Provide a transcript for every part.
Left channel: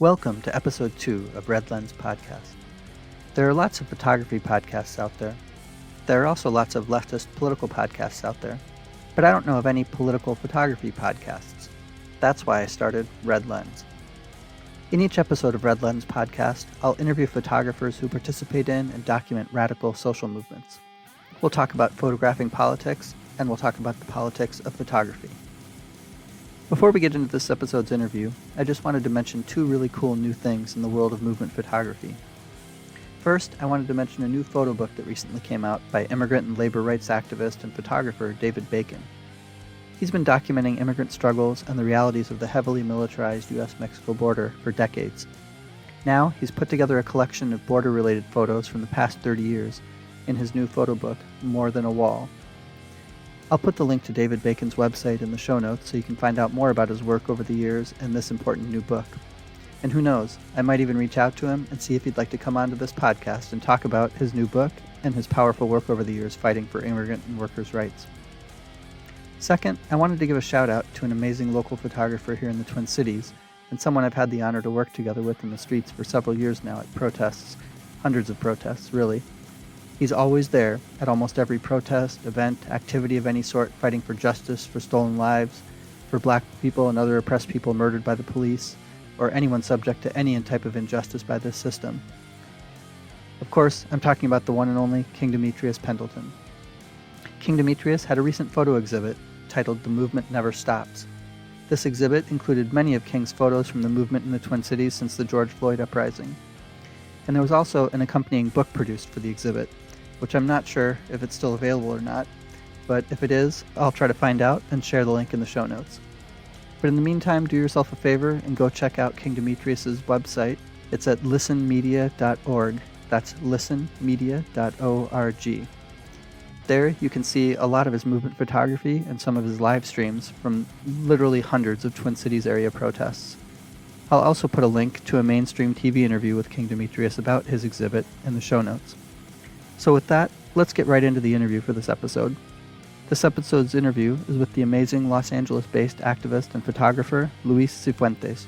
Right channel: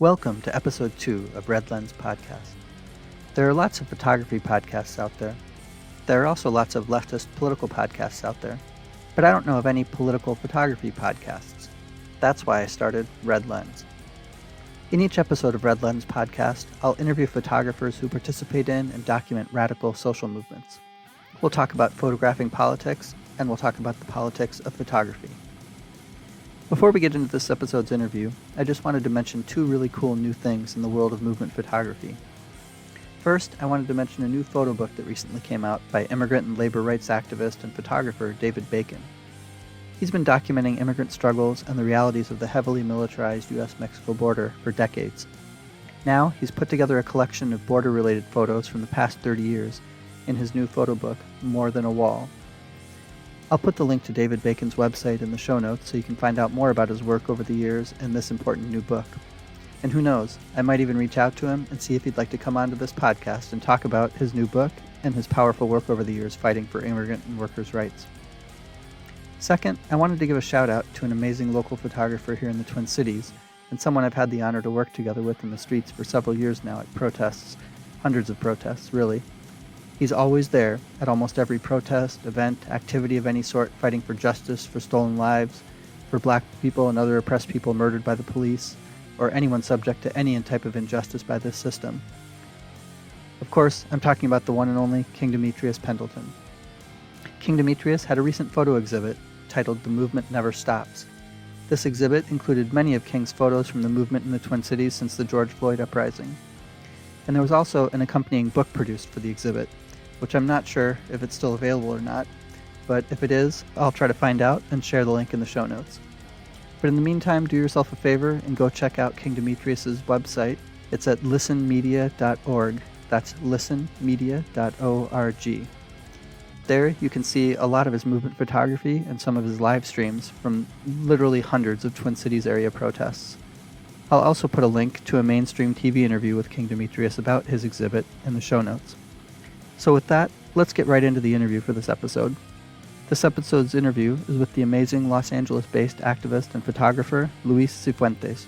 Welcome to episode 2 of Red Lens Podcast. There are lots of photography podcasts out there. There are also lots of leftist political podcasts out there, but I don't know of any political photography podcasts. That's why I started Red Lens. In each episode of Red Lens Podcast, I'll interview photographers who participate in and document radical social movements. We'll talk about photographing politics, and we'll talk about the politics of photography. Before we get into this episode's interview, I just wanted to mention two really cool new things in the world of movement photography. First, I wanted to mention a new photo book that recently came out by immigrant and labor rights activist and photographer David Bacon. He's been documenting immigrant struggles and the realities of the heavily militarized U.S.-Mexico border for decades. Now, he's put together a collection of border-related photos from the past 30 years in his new photo book, More Than a Wall. I'll put the link to David Bacon's website in the show notes so you can find out more about his work over the years and this important new book. And who knows, I might even reach out to him and see if he'd like to come onto this podcast and talk about his new book and his powerful work over the years fighting for immigrant and workers' rights. Second, I wanted to give a shout out to an amazing local photographer here in the Twin Cities and someone I've had the honor to work together with in the streets for several years now at protests, hundreds of protests, really. He's always there at almost every protest, event, activity of any sort, fighting for justice, for stolen lives, for black people and other oppressed people murdered by the police, or anyone subject to any type of injustice by this system. Of course, I'm talking about the one and only King Demetrius Pendleton. King Demetrius had a recent photo exhibit titled The Movement Never Stops. This exhibit included many of King's photos from the movement in the Twin Cities since the George Floyd uprising. And there was also an accompanying book produced for the exhibit, which I'm not sure if it's still available or not, but if it is, I'll try to find out and share the link in the show notes. But in the meantime, do yourself a favor and go check out King Demetrius's website. It's at listenmedia.org. That's listenmedia.org. There you can see a lot of his movement photography and some of his live streams from literally hundreds of Twin Cities area protests. I'll also put a link to a mainstream TV interview with King Demetrius about his exhibit in the show notes. So with that, let's get right into the interview for this episode. This episode's interview is with the amazing Los Angeles-based activist and photographer Luis Sifuentes.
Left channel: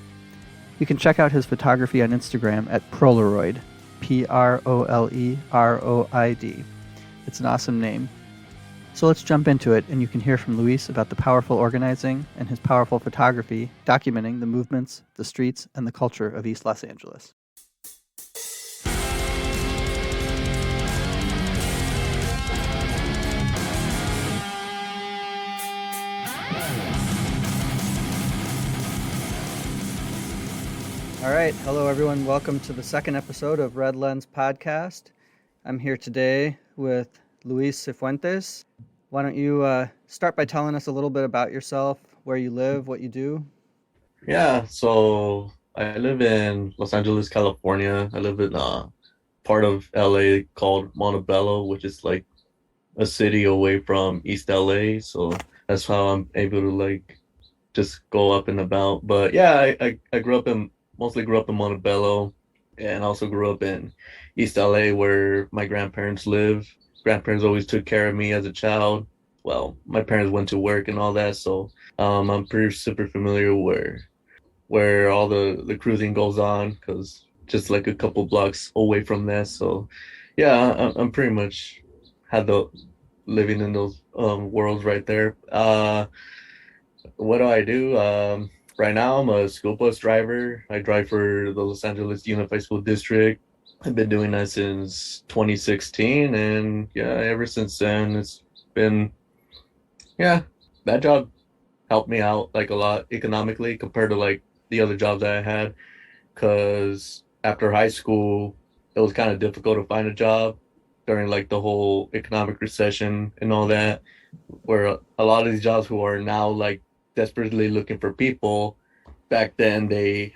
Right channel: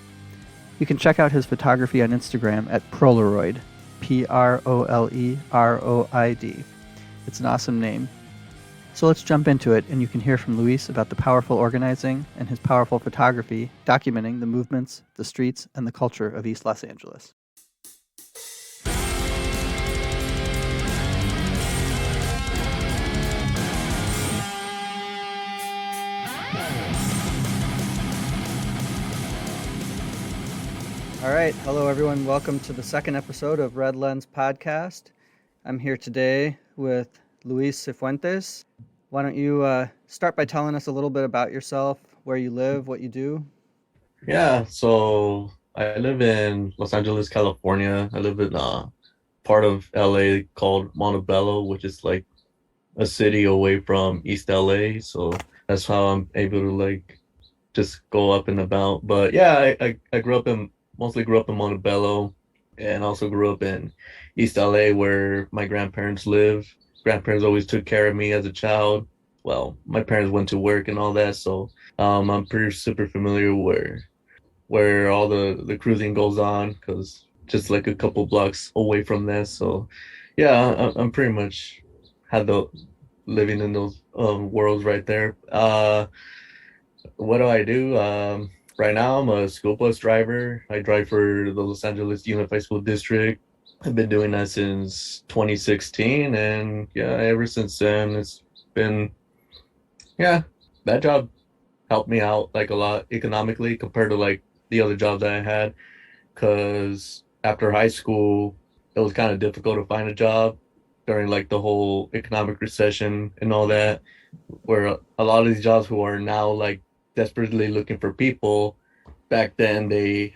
You can check out his photography on Instagram at Prolaroid, P-R-O-L-E-R-O-I-D. It's an awesome name. So let's jump into it, and you can hear from Luis about the powerful organizing and his powerful photography documenting the movements, the streets, and the culture of East Los Angeles. All right. Hello, everyone. Welcome to the second episode of Red Lens Podcast. I'm here today with Luis Sifuentes. Why don't you start by telling us a little bit about yourself, where you live, what you do? Yeah, so I live in Los Angeles, California. I live in part of LA called Montebello, which is like a city away from East LA. So that's how I'm able to like just go up and about. But yeah, I mostly grew up in Montebello and also grew up in East LA where my grandparents live. Grandparents always took care of me as a child. Well, my parents went to work and all that, so I'm pretty super familiar where all the cruising goes on because just like a couple blocks away from that. So yeah, I'm pretty much had the living in those worlds right there. What do I do? Right now, I'm a school bus driver. I drive for the Los Angeles Unified School District. I've been doing that since 2016, and yeah, ever since then, it's been, yeah, that job helped me out like a lot economically compared to like the other jobs that I had. Because after high school, it was kind of difficult to find a job during like the whole economic recession and all that, where a lot of these jobs who are now like desperately looking for people, back then they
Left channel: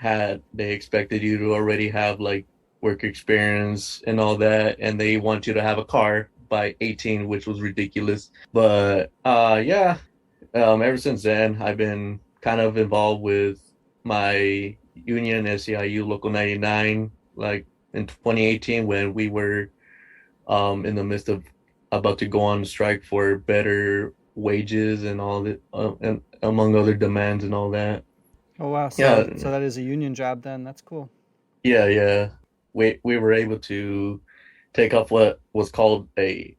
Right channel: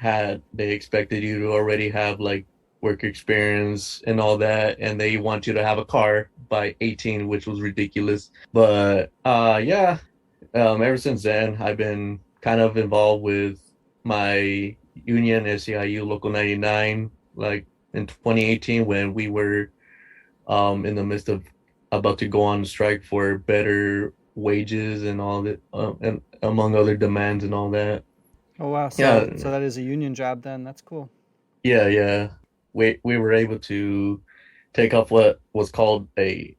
expected you to already have like work experience and all that, and they want you to have a car by 18, which was ridiculous. But yeah, ever since then I've been kind of involved with my union SEIU Local 99 like in 2018 when we were in the midst of about to go on strike for better wages and all that, and among other demands and all that. Oh wow. Yeah, So that is a union job then. That's cool. yeah. We were able to take off what was called a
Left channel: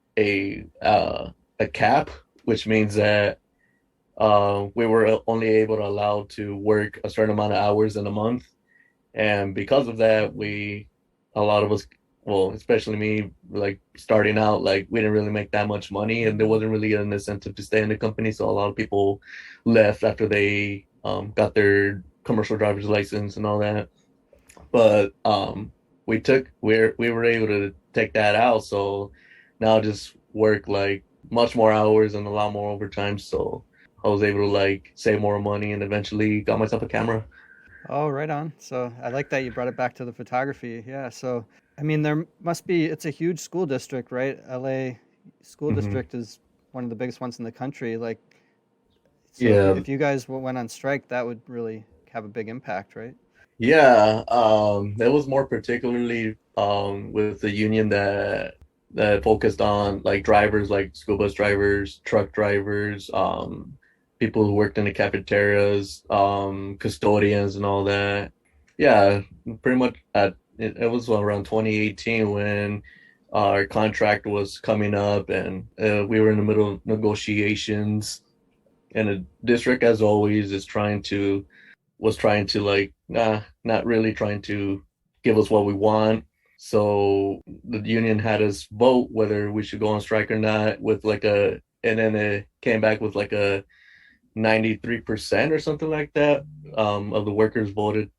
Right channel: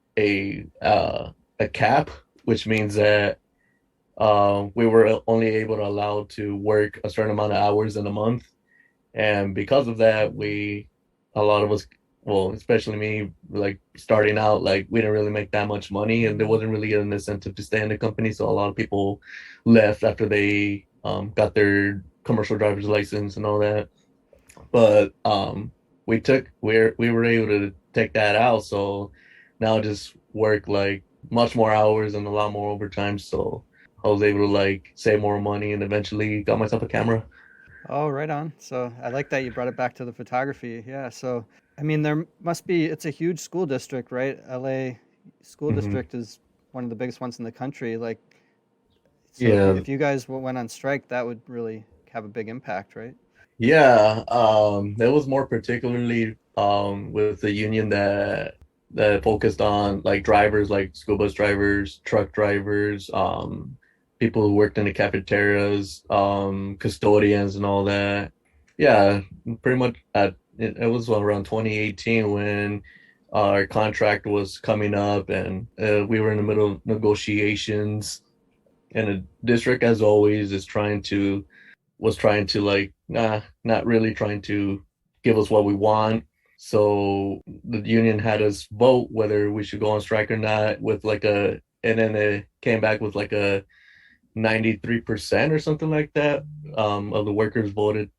cap, which means that we were only able to allow to work a certain amount of hours in a month. And because of that, a lot of us, well, especially me, like starting out, like we didn't really make that much money, and there wasn't really an incentive to stay in the company. So a lot of people left after they got their commercial driver's license and all that. But we were able to take that out. So now I just work like much more hours and a lot more overtime. So I was able to like save more money and eventually got myself a camera. Oh, right on. So I like that you brought it back to the photography. Yeah. So, I mean, there must be, it's a huge school district, right? LA school Hmm. district is one of the biggest ones in the country. Like, so Yeah, if you guys went on strike, that would really have a big impact, right? yeah. That was more particularly with the union that focused on like drivers, like school bus drivers, truck drivers, people who worked in the cafeterias, custodians and all that. Yeah, pretty much it was around 2018 when our contract was coming up and we were in the middle of negotiations, and the district as always is trying to was trying to like not really trying to give us what we want. So the union had us vote whether we should go on strike or not with like a, and then it came back with like a 93% or something like that of the workers voted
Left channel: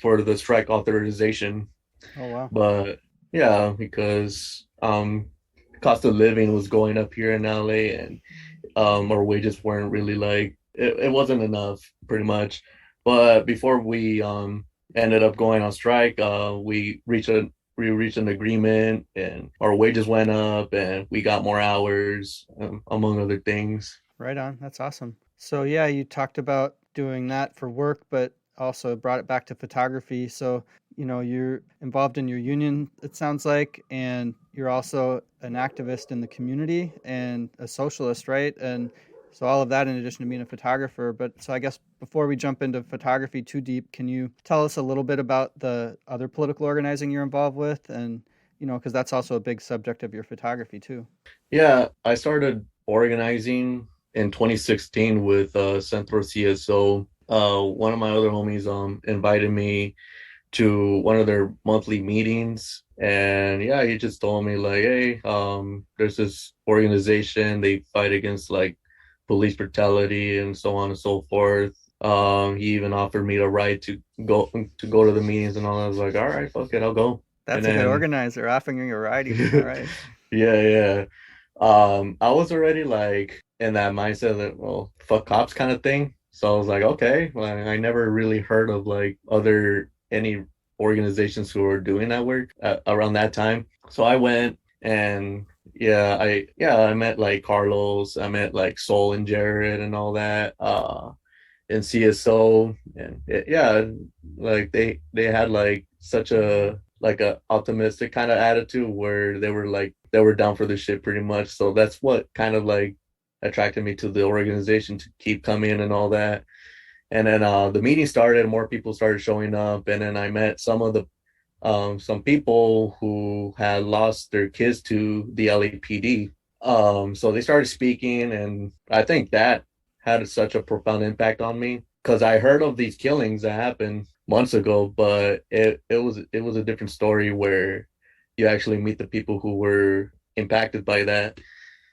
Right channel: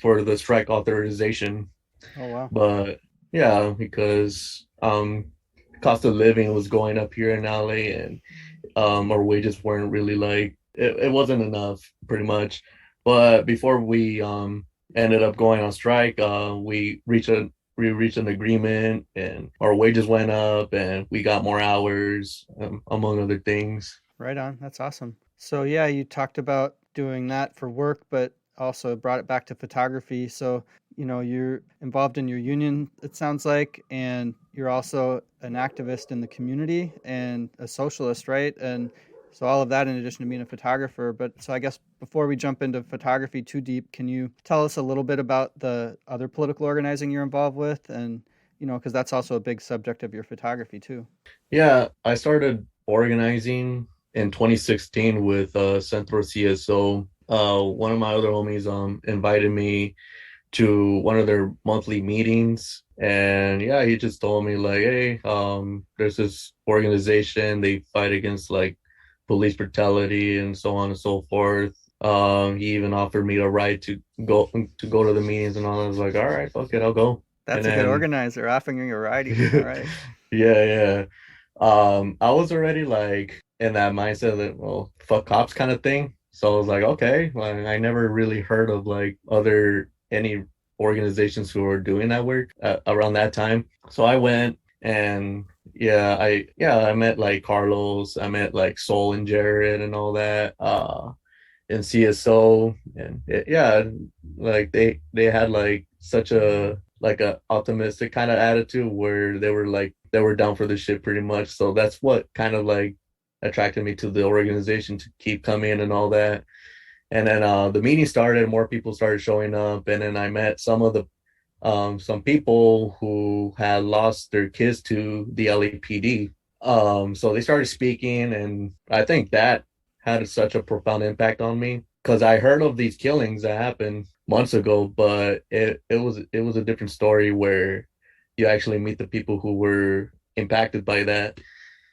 for the strike authorization. Oh, wow. But yeah, because cost of living was going up here in LA, and our wages weren't really like it wasn't enough pretty much. But before we ended up going on strike, we reached an agreement and our wages went up and we got more hours, among other things. Right on. That's awesome. So yeah, you talked about doing that for work, but also brought it back to photography. So, you're involved in your union, it sounds like, and you're also an activist in the community and a socialist, right? And so all of that in addition to being a photographer. But so I guess before we jump into photography too deep, can you tell us a little bit about the other political organizing you're involved with? And, because that's also a big subject of your photography too. Yeah, I started organizing in 2016 with Centro CSO. One of my other homies invited me to one of their monthly meetings, and yeah, he just told me like, hey, there's this organization, they fight against like police brutality and so on and so forth. He even offered me a ride to go to the meetings and all. I was like, all right, fuck it, I'll go. And That's a good then organizer, offering you a ride even. All right. yeah. I was already like in that mindset that, well, fuck cops kind of thing. So I was like, okay, well, I never really heard of like any organizations who were doing that work around that time. So I went, and yeah, I met like Carlos, I met like Sol and Jared and all that, in CSO, and yeah, like they had like such a optimistic kind of attitude where they were down for the shit pretty much. So that's what kind of like attracted me to the organization to keep coming and all that. And then the meeting started, and more people started showing up, and then I met some people who had lost their kids to the LAPD. So they started speaking, and I think that had such a profound impact on me because I heard of these killings that happened months ago, but it was a different story where you actually meet the people who were impacted by that.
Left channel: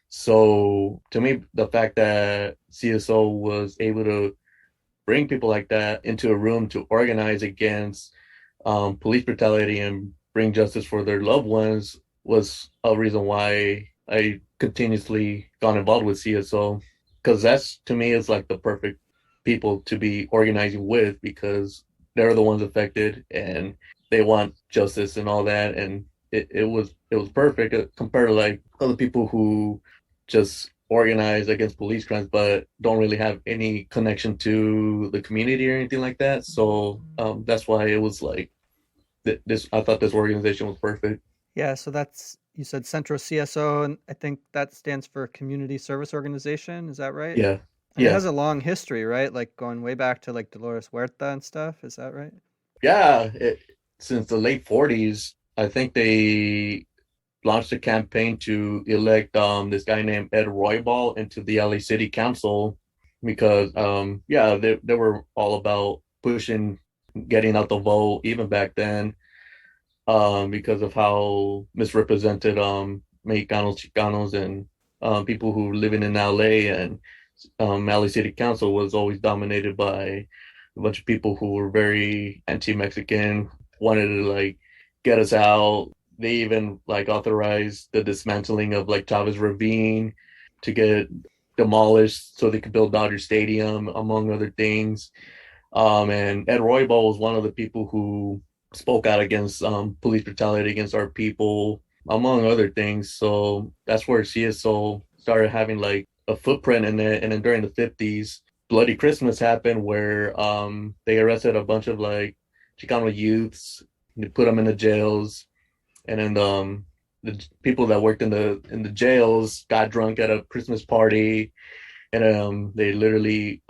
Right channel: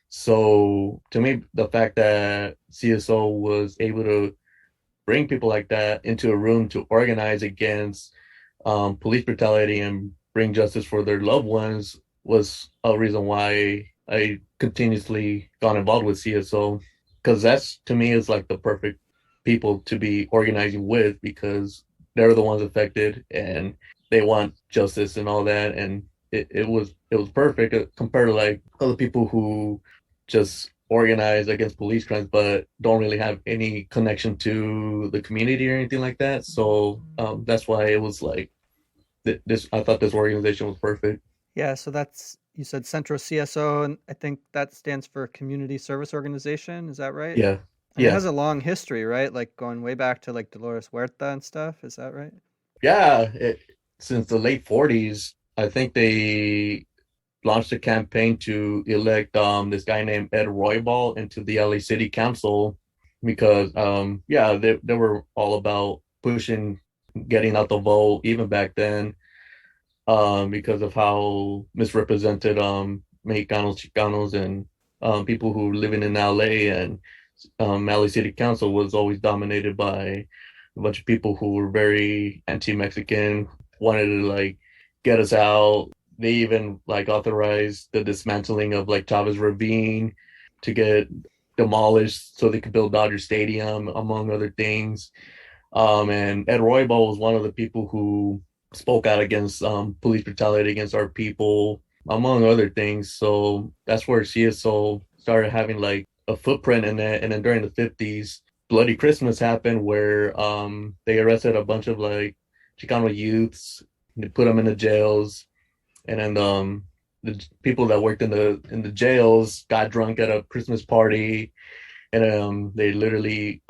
So to me, the fact that CSO was able to bring people like that into a room to organize against police brutality and bring justice for their loved ones was a reason why I continuously got involved with CSO, because that's to me is like the perfect people to be organizing with, because they're the ones affected and they want justice and all that. And it was perfect compared to like other people who just organize against police crimes but don't really have any connection to the community or anything like that. So that's why it was like this. I thought this organization was perfect. Yeah, so that's, you said Centro CSO, and I think that stands for Community Service Organization. Is that right? Yeah, And it Yeah, has a long history, right? Like going way back to like Dolores Huerta and stuff. Is that right? yeah. Since the late 40s, I think they launched a campaign to elect this guy named Ed Roybal into the LA City Council because yeah, they were all about pushing getting out the vote even back then because of how misrepresented Mexicanos, Chicanos, and people who living in LA, and LA City Council was always dominated by a bunch of people who were very anti-Mexican, wanted to like get us out. They even like authorized the dismantling of like Chavez Ravine to get demolished so they could build Dodger Stadium, among other things. And Ed Roybal was one of the people who spoke out against police brutality against our people, among other things. So that's where CSO started having like a footprint in it. And then during the 50s, Bloody Christmas happened where they arrested a bunch of like Chicano youths, they put them in the jails, and then the people that worked in the jails got drunk at a Christmas party, and they literally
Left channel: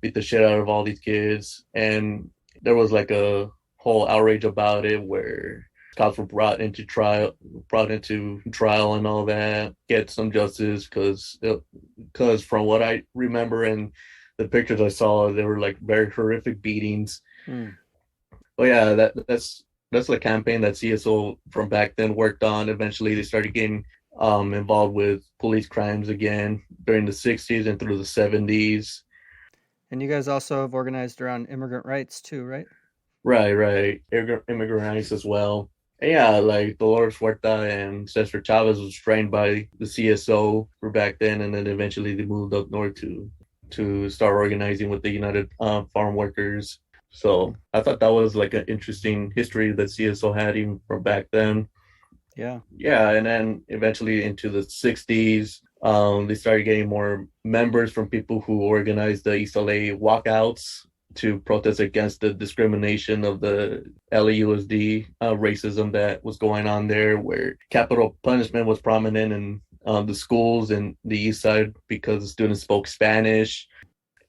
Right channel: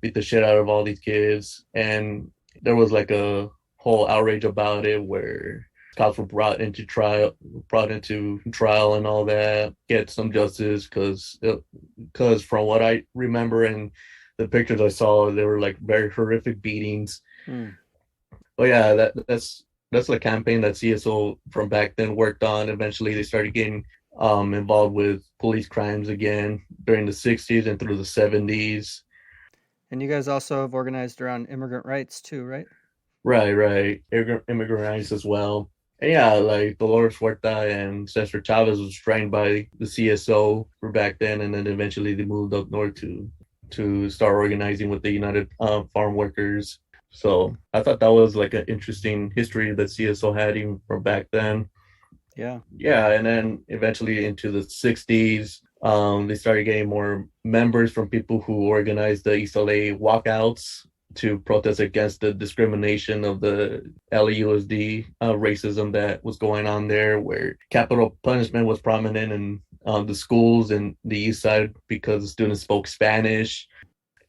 beat the shit out of all these kids, and there was like a whole outrage about it where cops were brought into trial and all that, get some justice, because from what I remember in the pictures I saw, they were like very horrific beatings. Hmm. But yeah, that's the campaign that CSO from back then worked on. Eventually, they started getting involved with police crimes again during the 60s and through the 70s. And you guys also have organized around immigrant rights too, right? Right, right. Immigrant rights as well. And yeah, like Dolores Huerta and Cesar Chavez was trained by the CSO for back then, and then eventually they moved up north to start organizing with the United Farm Workers. So I thought that was like an interesting history that CSO had even from back then. Yeah. Yeah, and then eventually into the 60s, they started getting more members from people who organized the East LA walkouts to protest against the discrimination of the LAUSD racism that was going on there, where capital punishment was prominent in the schools in the East Side because the students spoke Spanish,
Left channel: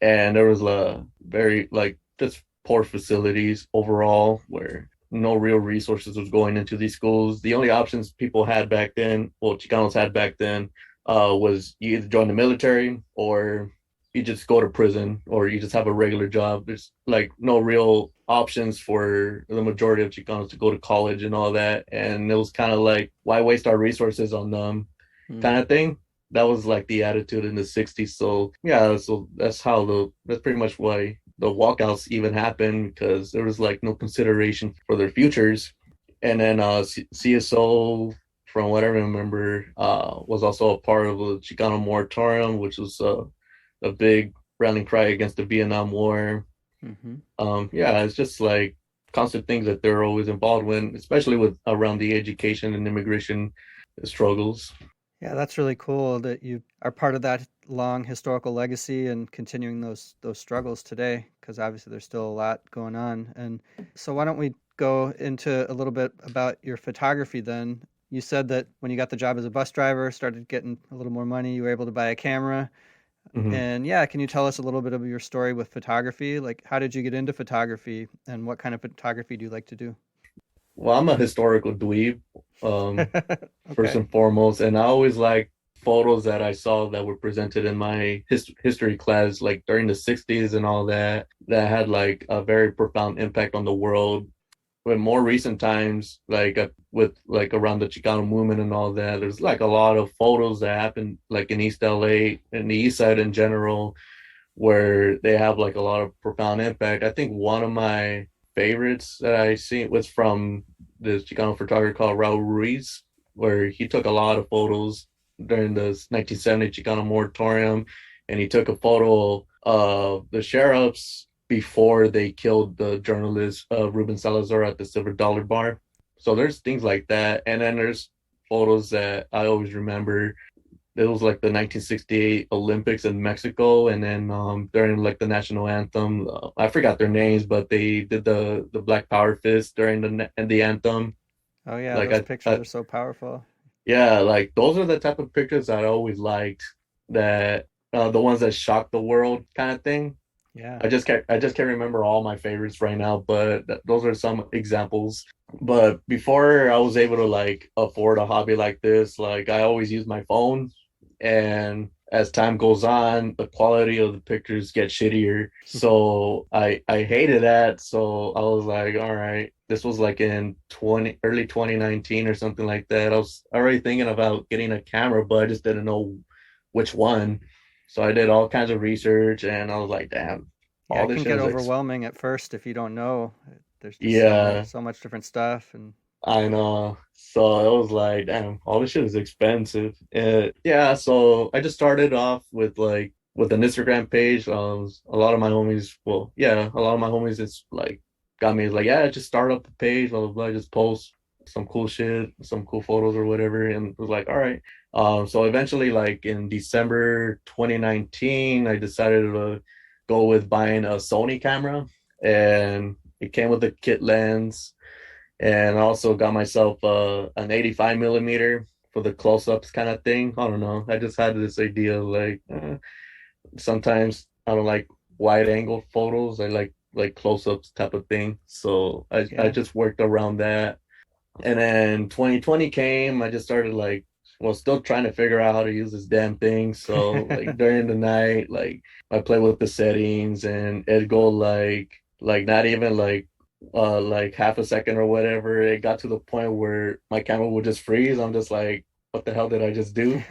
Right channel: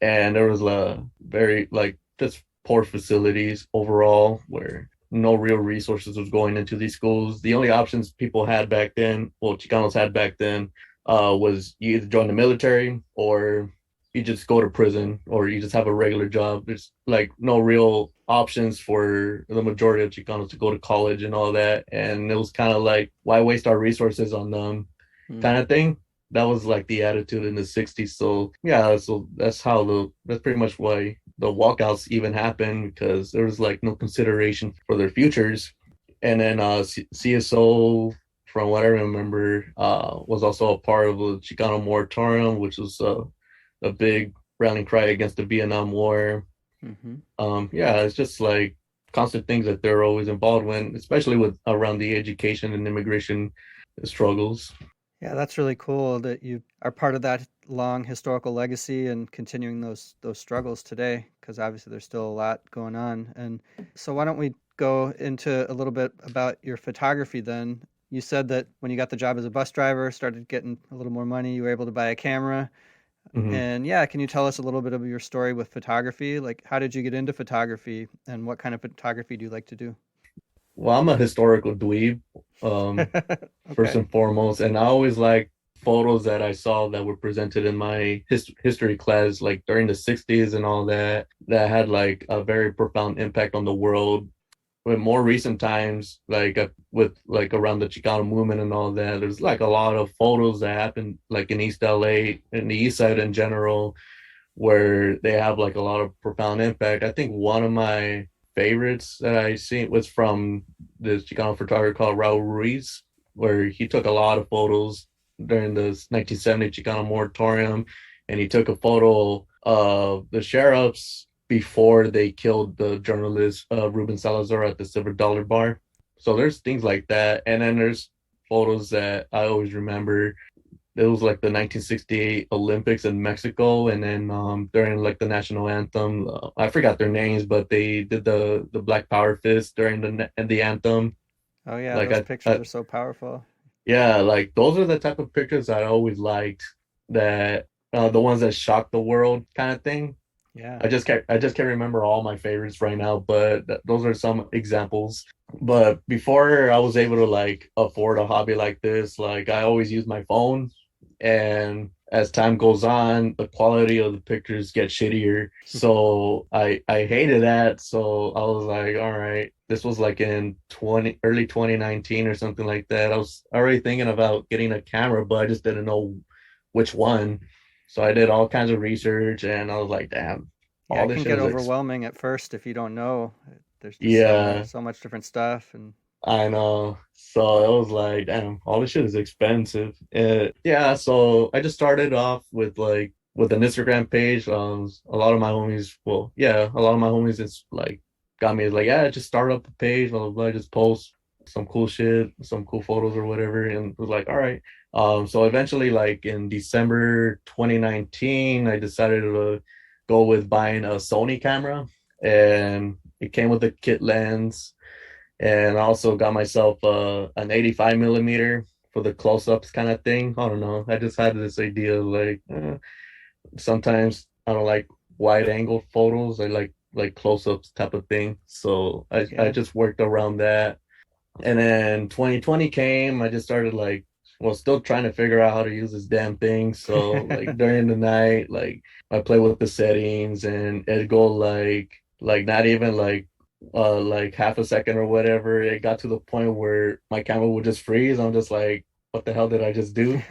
and there was a very like just poor facilities overall where no real resources was going into these schools. The only options people had back then, well, Chicanos had back then, was you either join the military or you just go to prison or you just have a regular job. There's like no real options for the majority of Chicanos to go to college and all that. And it was kind of like, why waste our resources on them Hmm. kind of thing. That was like the attitude in the 60s. So yeah, so that's pretty much why the walkouts even happened, because there was like no consideration for their futures. And then CSO, from what I remember, was also a part of the Chicano moratorium, which was a big rallying cry against the Vietnam War. Hmm. Yeah, it's just like constant things that they're always involved in, especially with around the education and immigration struggles. Yeah, that's really cool that you are part of that long historical legacy and continuing those struggles today, because obviously there's still a lot going on. And so why don't we go into a little bit about your photography then? You said that when you got the job as a bus driver, started getting a little more money, you were able to buy a camera. Mhm. And yeah, can you tell us a little bit of your story with photography? Like, how did you get into photography and what kind of photography do you like to do? Well, I'm a historical dweeb, um, first Okay. and foremost, and I always like photos that I saw that were presented in my history class, like during the 60s and all that, that had like a very profound impact on the world. With more recent times, like with like around the Chicano movement and all that, there's like a lot of photos that happen like in East LA and the East Side in general, where they have like a lot of profound impact. I think one of my favorites that I seen was from this Chicano photographer called Raul Ruiz, where he took a lot of photos during the 1970 Chicano moratorium, and he took a photo of the sheriffs before they killed the journalist Ruben Salazar at the Silver Dollar Bar. So there's things like that, and then there's photos that I always remember. It was like the 1968 Olympics in Mexico, and then during like the national anthem, I forgot their names, but they did the Black Power fist during the anthem. Oh yeah, Like those pictures are so powerful. yeah, like those are the type of pictures that I always liked. That the ones that shocked the world kind of thing. Yeah. I just can't remember all my favorites right now, but those are some examples. But before I was able to like afford a hobby like this, like I always use my phone, and as time goes on, the quality of the pictures get shittier. So I hated that. So I was like, all right, this was like in 20 early 2019 or something like that. I was already thinking about getting a camera, but I just didn't know which one. So I did all kinds of research, and I was like, damn, Yeah, all it this can shit get is overwhelming at first if you don't know. There's just yeah, so much different stuff and I know. So it was like, damn, all this shit is expensive. Yeah, so I just started off with like with an Instagram page. A lot of my homies, well, yeah, a lot of my homies is like got me like, yeah, just start up a page, blah blah blah, just post some cool shit, some cool photos or whatever, and it was like, all right. So eventually, like in December 2019, I decided to go with buying a Sony camera, and it came with a kit lens, and I also got myself an 85 millimeter for the close-ups kind of thing. I don't know. I just had this idea like sometimes I don't like wide angle photos. I like close-ups type of thing. So I yeah. just worked around that. And then 2020 came. I just started like well, still trying to figure out how to use this damn thing. So like during the night, like I play with the settings, and it'd go like not even like half a second or whatever. It got to the point where my camera would just freeze. I'm just like, what the hell did I just do?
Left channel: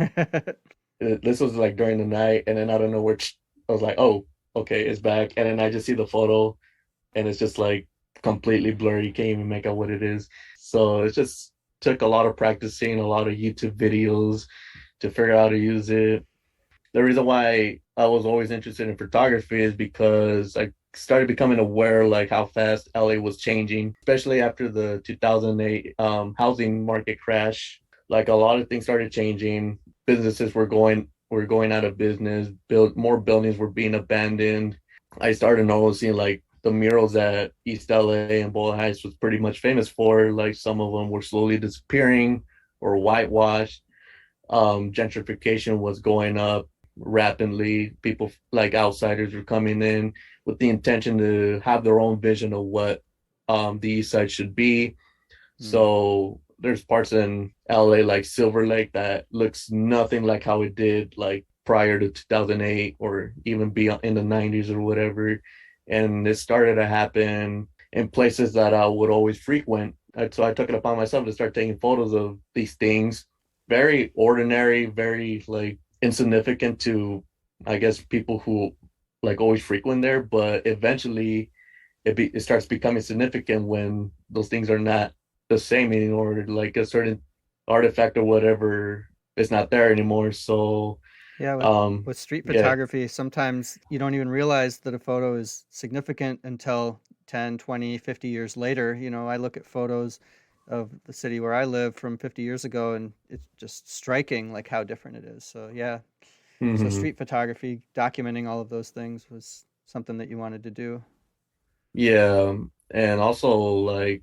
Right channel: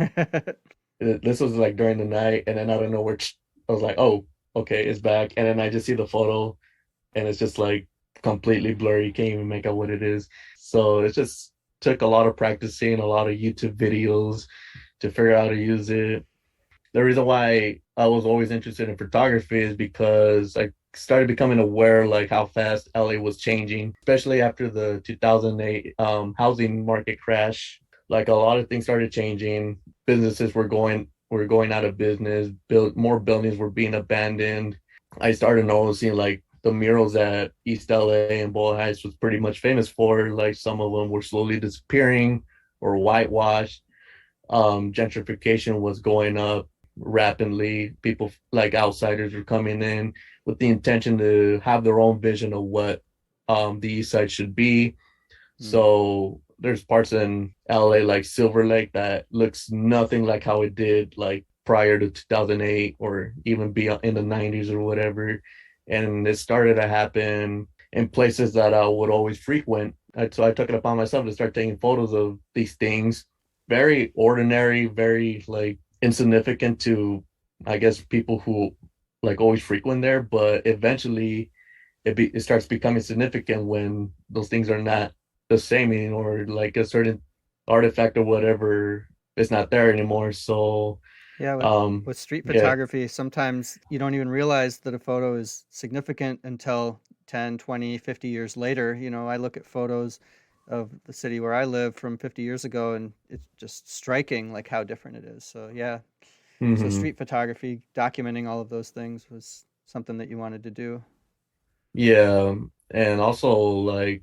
This was like during the night, and then I don't know where I was like, oh, okay, it's back. And then I just see the photo, and it's just like completely blurry. You can't even make out what it is. So it just took a lot of practicing, a lot of YouTube videos to figure out how to use it. The reason why I was always interested in photography is because I started becoming aware like how fast LA was changing, especially after the 2008 housing market crash. Like a lot of things started changing. Businesses were going out of business. More buildings were being abandoned. I started noticing like the murals at East LA and Boyle Heights was pretty much famous for. Like some of them were slowly disappearing or whitewashed. Gentrification was going up rapidly. People like outsiders were coming in with the intention to have their own vision of what the East Side should be. Hmm. So there's parts in LA like Silver Lake that looks nothing like how it did like prior to 2008 or even beyond in the 90s or whatever. And it started to happen in places that I would always frequent. So I took it upon myself to start taking photos of these things. Very ordinary, very like insignificant to, I guess, people who like always frequent there. But eventually it starts becoming significant when those things are not the same anymore, like a certain artifact or whatever is not there anymore. So Yeah, um with street yeah. photography, sometimes you don't even realize that a photo is significant until 10, 20, 50 years later. I look at photos of the city where I live from 50 years ago and it's just striking like how different it is. So, yeah. So Hmm. street photography, documenting all of those things was something that you wanted to do. Yeah, and also like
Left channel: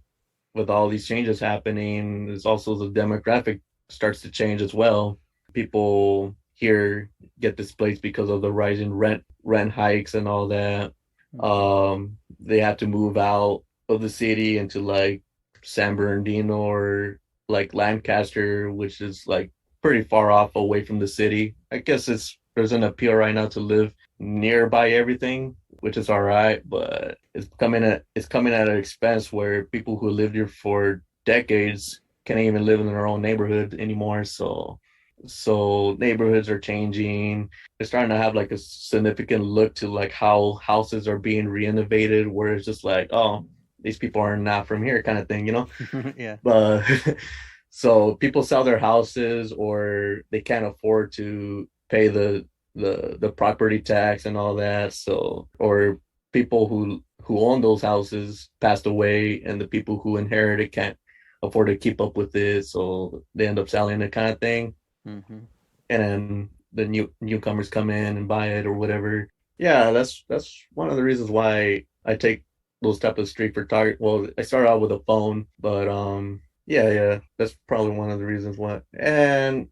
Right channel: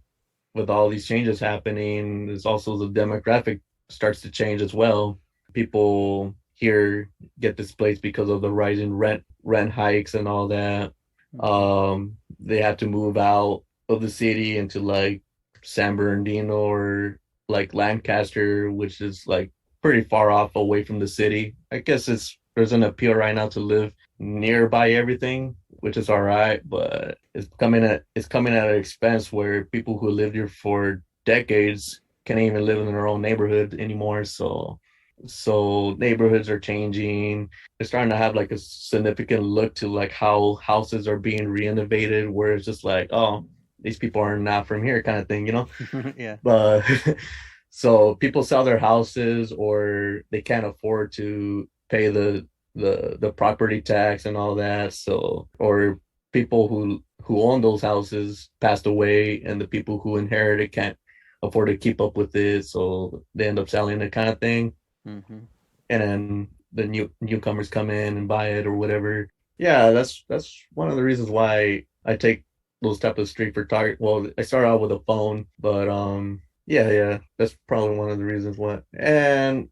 with all these changes happening, there's also the demographic starts to change as well. People here get displaced because of the rising rent hikes and all that. Hmm. They have to move out of the city into like San Bernardino or like Lancaster, which is like pretty far off away from the city. I guess there's an appeal right now to live nearby everything, which is all right, but it's coming at an expense where people who lived here for decades can't even live in their own neighborhood anymore. So neighborhoods are changing. They're starting to have like a significant look to like how houses are being renovated, where it's just like, oh, these people are not from here kind of thing. Yeah. But so people sell their houses or they can't afford to pay the property tax and all that. So or people who own those houses passed away, and the people who inherited can't afford to keep up with it, so they end up selling it kind of thing. Hmm. And then the newcomers come in and buy it or whatever. Yeah, that's one of the reasons why I take those type of street photography. Well, I started out with a phone, but yeah, that's probably one of the reasons why. And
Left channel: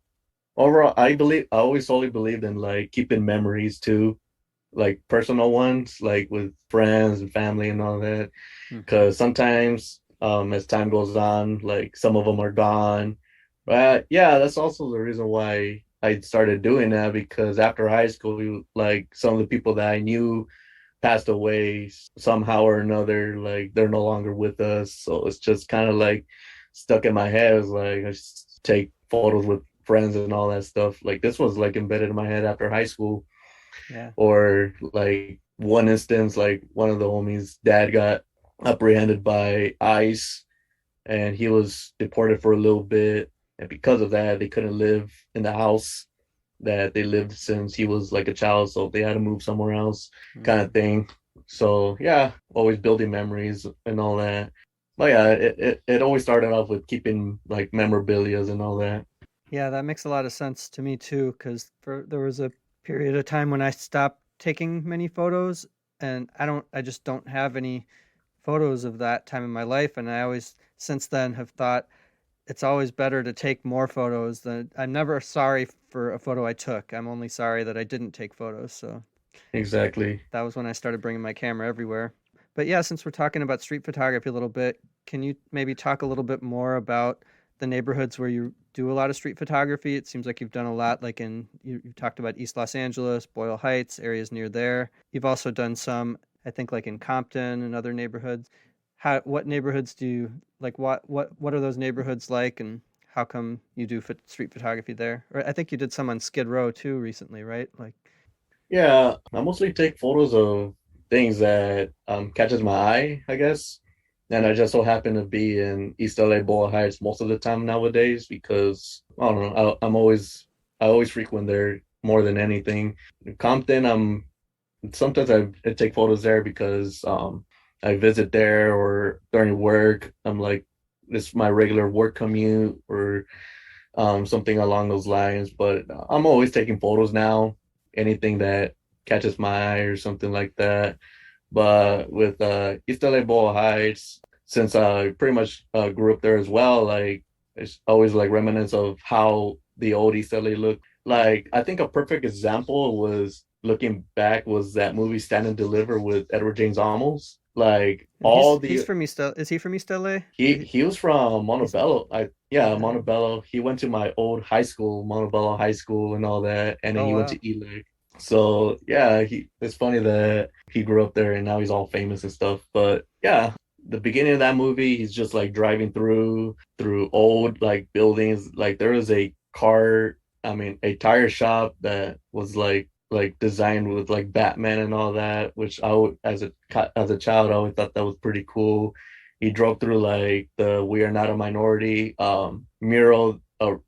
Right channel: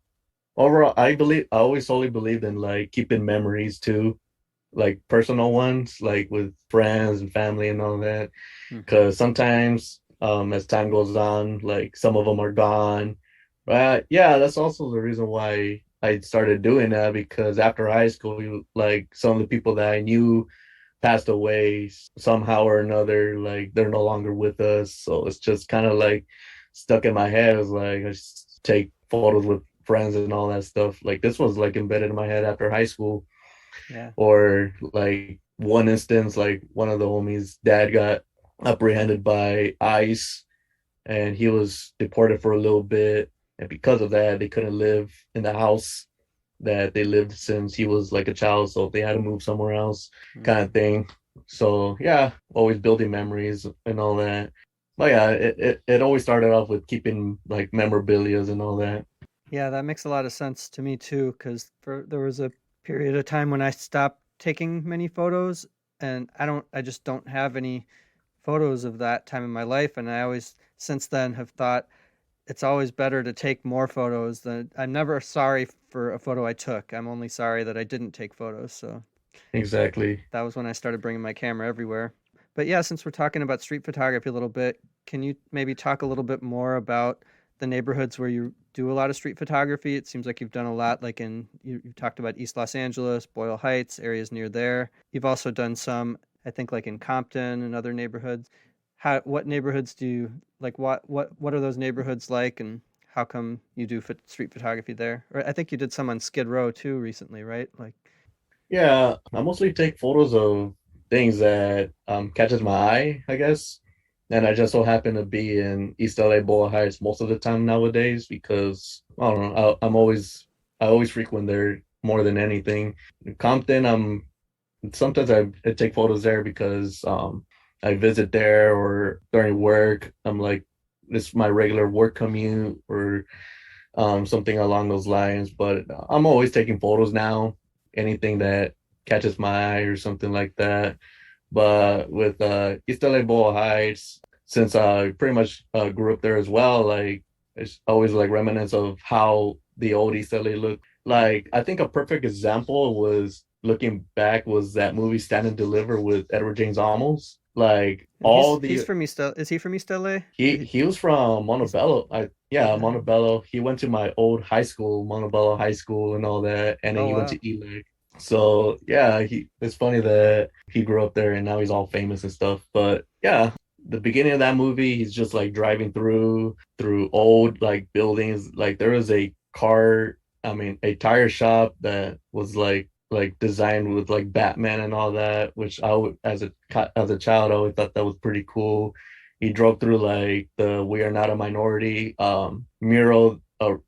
overall, I always solely believed in like keeping memories too, like personal ones, like with friends and family and all that. Hmm. Because sometimes, as time goes on, like some of them are gone. But yeah, that's also the reason why I started doing that because after high school, like some of the people that I knew passed away somehow or another. Like they're no longer with us, so it's just kind of like stuck in my head. It's like I just take photos with friends and all that stuff. Like this was like embedded in my head after high school, Yeah. or like one instance, like one of the homies' dad got apprehended by ICE and he was deported for a little bit. And because of that, they couldn't live in the house that they lived since he was like a child. So they had to move somewhere else, kind of Mm. thing. So yeah, always building memories and all that. But yeah, it always started off with keeping like memorabilia and all that. Yeah, that makes a lot of sense to me too, because there was a period of time when I stopped taking many photos, and I just don't have any photos of that time in my life, and I always since then have thought it's always better to take more photos than I'm never sorry for a photo I took. I'm only sorry that I didn't take photos. So Exactly. that was when I started bringing my camera everywhere. But yeah, since we're talking about street photography a little bit, can you maybe talk a little bit more about the neighborhoods where you do a lot of street photography? It seems like you've done a lot, like you talked about East Los Angeles, Boyle Heights, areas near there. You've also done some, I think, like in Compton and other neighborhoods. What neighborhoods do you like? What are those neighborhoods like, and how come you do street photography there? Or I think you did some on Skid Row too recently, right? Like, Yeah, I mostly take photos of things that catches my eye, I guess. And I just so happen to be in East LA Boyle Heights most of the time nowadays because I don't know, I always frequent there more than anything. In Compton, sometimes I take photos there because I visit there or during work. I'm like this is my regular work commute or something along those lines. But I'm always taking photos now, anything that catches my eye or something like that. But with East LA Boyle Heights, since I pretty much grew up there as well, like it's always like remnants of how the old East LA looked. Like I think a perfect example was looking back was that movie Stand and Deliver with Edward James Olmos. Like and all he's the from East. Is he from East LA? he was from He's Montebello. Yeah, yeah. Montebello. He went to my old high school, Montebello High School, and all that, and then Oh he went wow. to Ely. So yeah, he it's funny that he grew up there and now he's all famous and stuff. But yeah, the beginning of that movie, he's just like driving through old like buildings. Like there was a car, I mean, a tire shop that was like designed with like Batman and all that, which I would as a child I always thought that was pretty cool. He drove through like the "We Are Not a Minority" mural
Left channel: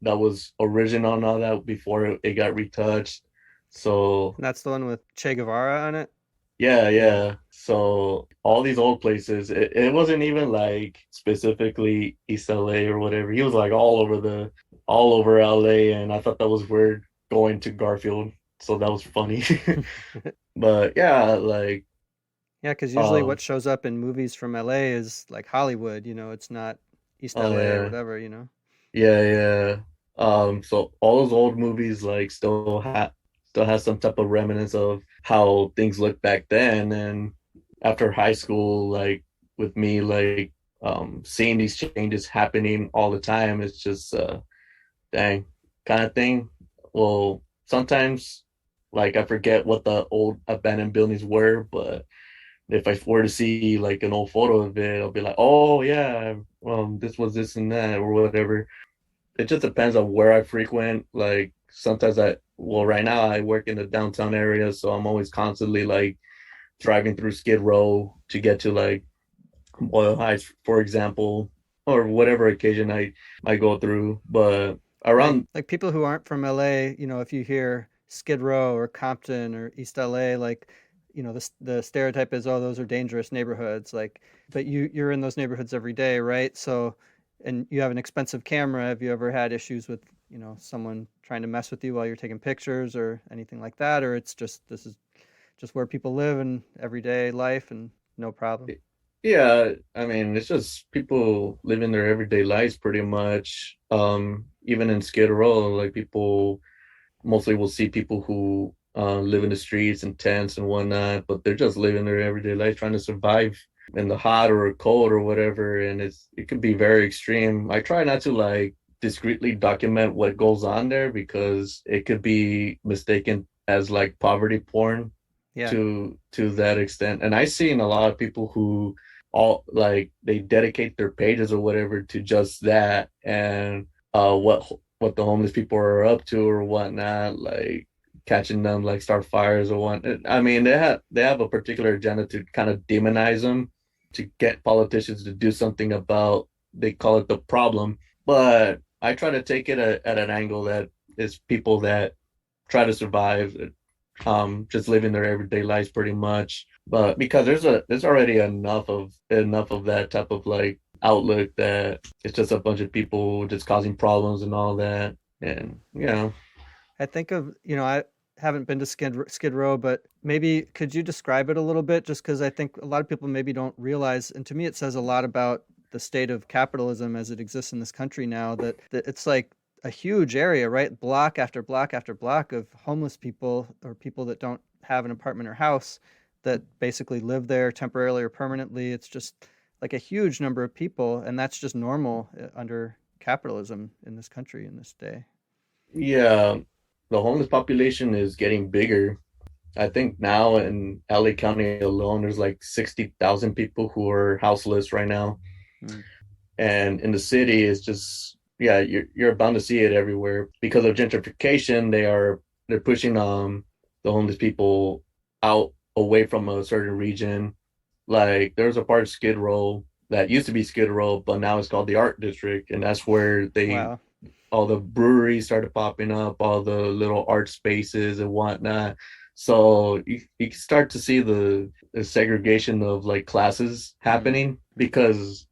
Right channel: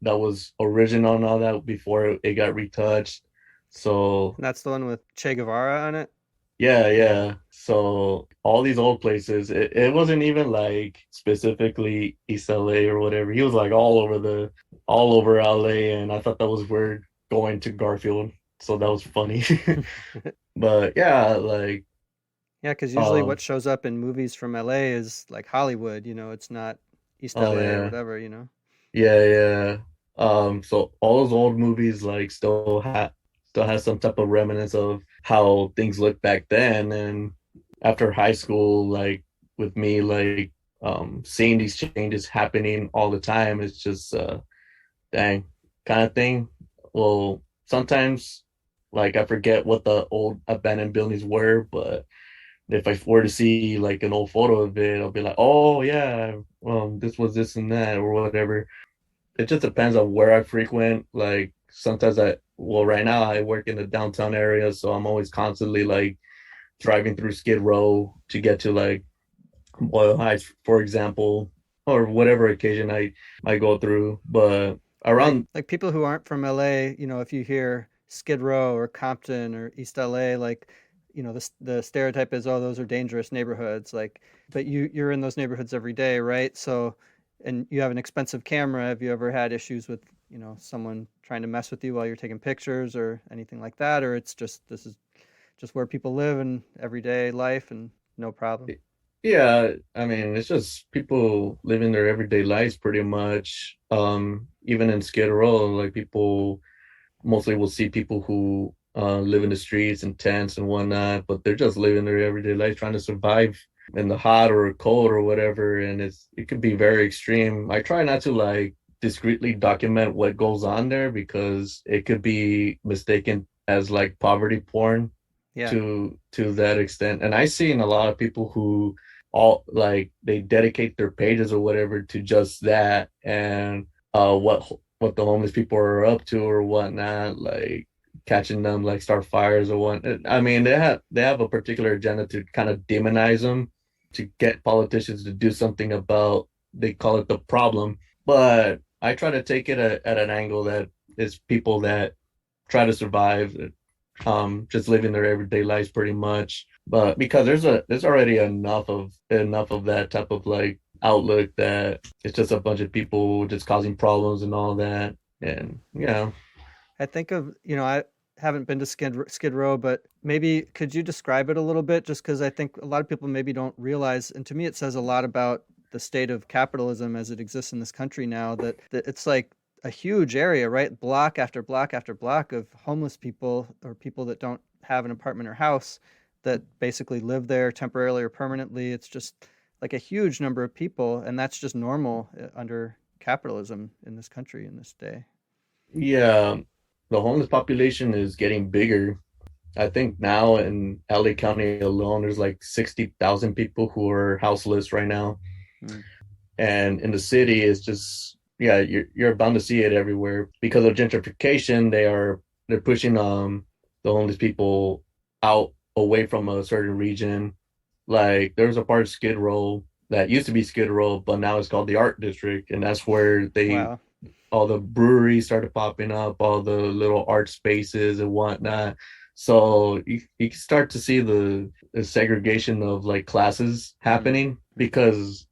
that was original and all that before it got retouched. So And that's the one with Che Guevara on it. yeah, Yeah. yeah. So all these old places, it wasn't even like specifically East LA or whatever. He was like all over LA, and I thought that was weird going to Garfield. So that was funny. But yeah, like Yeah, because usually uh what shows up in movies from LA is like Hollywood. It's not East oh LA or yeah. whatever. Yeah, yeah. So all those old movies like still has some type of remnants of how things looked back then. And after high school, like with me, like seeing these changes happening all the time, it's just dang kind of thing. Well, sometimes like I forget what the old abandoned buildings were, but if I were to see like an old photo of it, I'll be like, oh yeah, this was this and that or whatever. It just depends on where I frequent. Like sometimes well, right now I work in the downtown area, so I'm always constantly like driving through Skid Row to get to like Boyle Heights, for example, or whatever occasion I go through. But Right. around, Like people who aren't from LA, if you hear Skid Row or Compton or East LA, like, the stereotype is, oh, those are dangerous neighborhoods. Like, but you're in those neighborhoods every day, right? So, and you have an expensive camera. Have you ever had issues with, someone trying to mess with you while you're taking pictures or anything like that? Or it's just this is just where people live in everyday life and no problem. yeah, I mean, it's just people living their everyday lives pretty much. even in Skid Row, like people mostly will see people who live in the streets and tents and whatnot, but they're just living their everyday life trying to survive in the hot or cold or whatever. And it could be very extreme. I try not to like discreetly document what goes on there because it could be mistaken as like poverty porn Yeah. to that extent. And I seen a lot of people who all like they dedicate their pages or whatever to just that and what the homeless people are up to or whatnot, like catching them like start fires or what. I mean, they have a particular agenda to kind of demonize them to get politicians to do something about they call it the problem. But I try to take it at an angle that is people that try to survive, just living their everyday lives pretty much. But because there's already enough of that type of like outlook that it's just a bunch of people just causing problems and all that. And yeah. I think of, I haven't been to Skid Row, but maybe could you describe it a little bit? Just because I think a lot of people maybe don't realize, and to me, it says a lot about the state of capitalism as it exists in this country now, that it's like a huge area, right? Block after block after block of homeless people or people that don't have an apartment or house that basically live there temporarily or permanently. It's just like a huge number of people, and that's just normal under capitalism in this country in this day. Yeah, the homeless population is getting bigger. I think now in LA County alone, there's like 60,000 people who are houseless right now. Mm. And in the city, it's just, yeah, you're bound to see it everywhere because of gentrification. They're pushing the homeless people out away from a certain region. Like there's a part of Skid Row that used to be Skid Row, but now it's called the Art District, and that's where they Wow. all the breweries started popping up, all the little art spaces and whatnot. So you start to see the segregation of like classes Mm. happening Mhm. because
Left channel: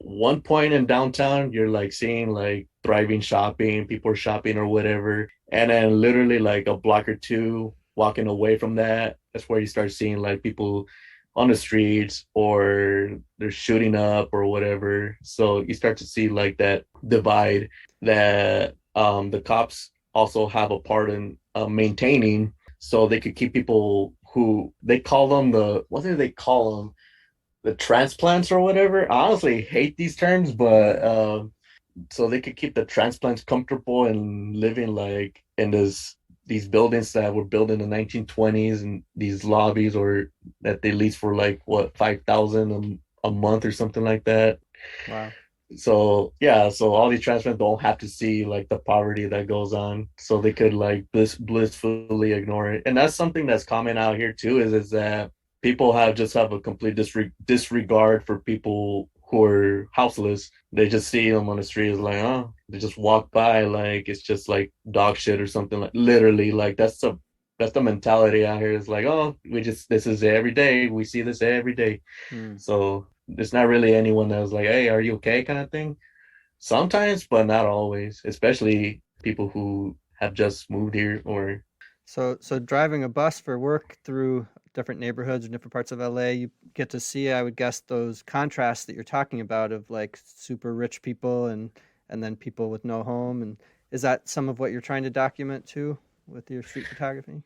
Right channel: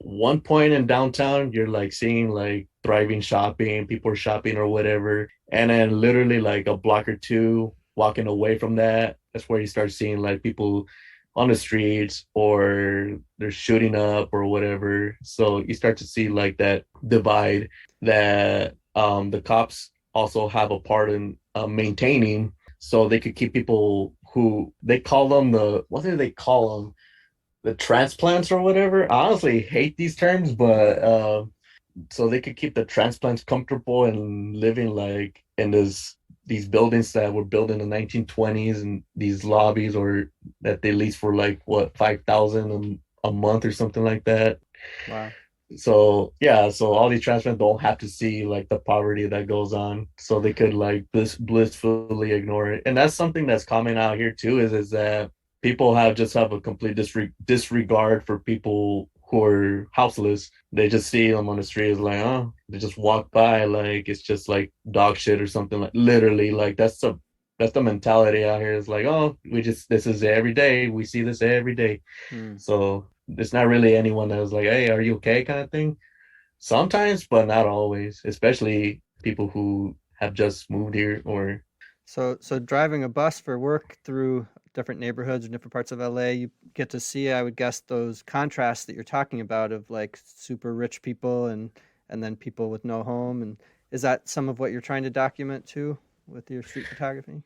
one point in downtown, you're like seeing like thriving shopping, people are shopping or whatever. And then literally like a block or two walking away from that, that's where you start seeing like people on the streets or they're shooting up or whatever. So you start to see like that divide that the cops also have a part in maintaining so they could keep people who they call them what do they call them? The transplants or whatever. I honestly hate these terms, but so they could keep the transplants comfortable and living like in these buildings that were built in the 1920s and these lobbies or that they lease for like what 5,000 a month or something like that. Wow. So yeah, so all these transplants don't have to see like the poverty that goes on, so they could like blissfully ignore it. And that's something that's common out here too, is that people have a complete disregard for people who are houseless. They just see them on the street as like, oh, they just walk by like it's just like dog shit or something, like literally like that's the mentality out here. It's like, oh, we just this is every day. We see this every day. Mm. So it's not really anyone that was like, hey, are you okay kind of thing. Sometimes, but not always, especially people who have just moved here or So driving a bus for work through different neighborhoods and different parts of LA, you get to see, I would guess, those contrasts that you're talking about of like super rich people and then people with no home. And is that some of what you're trying to document too with your street photography?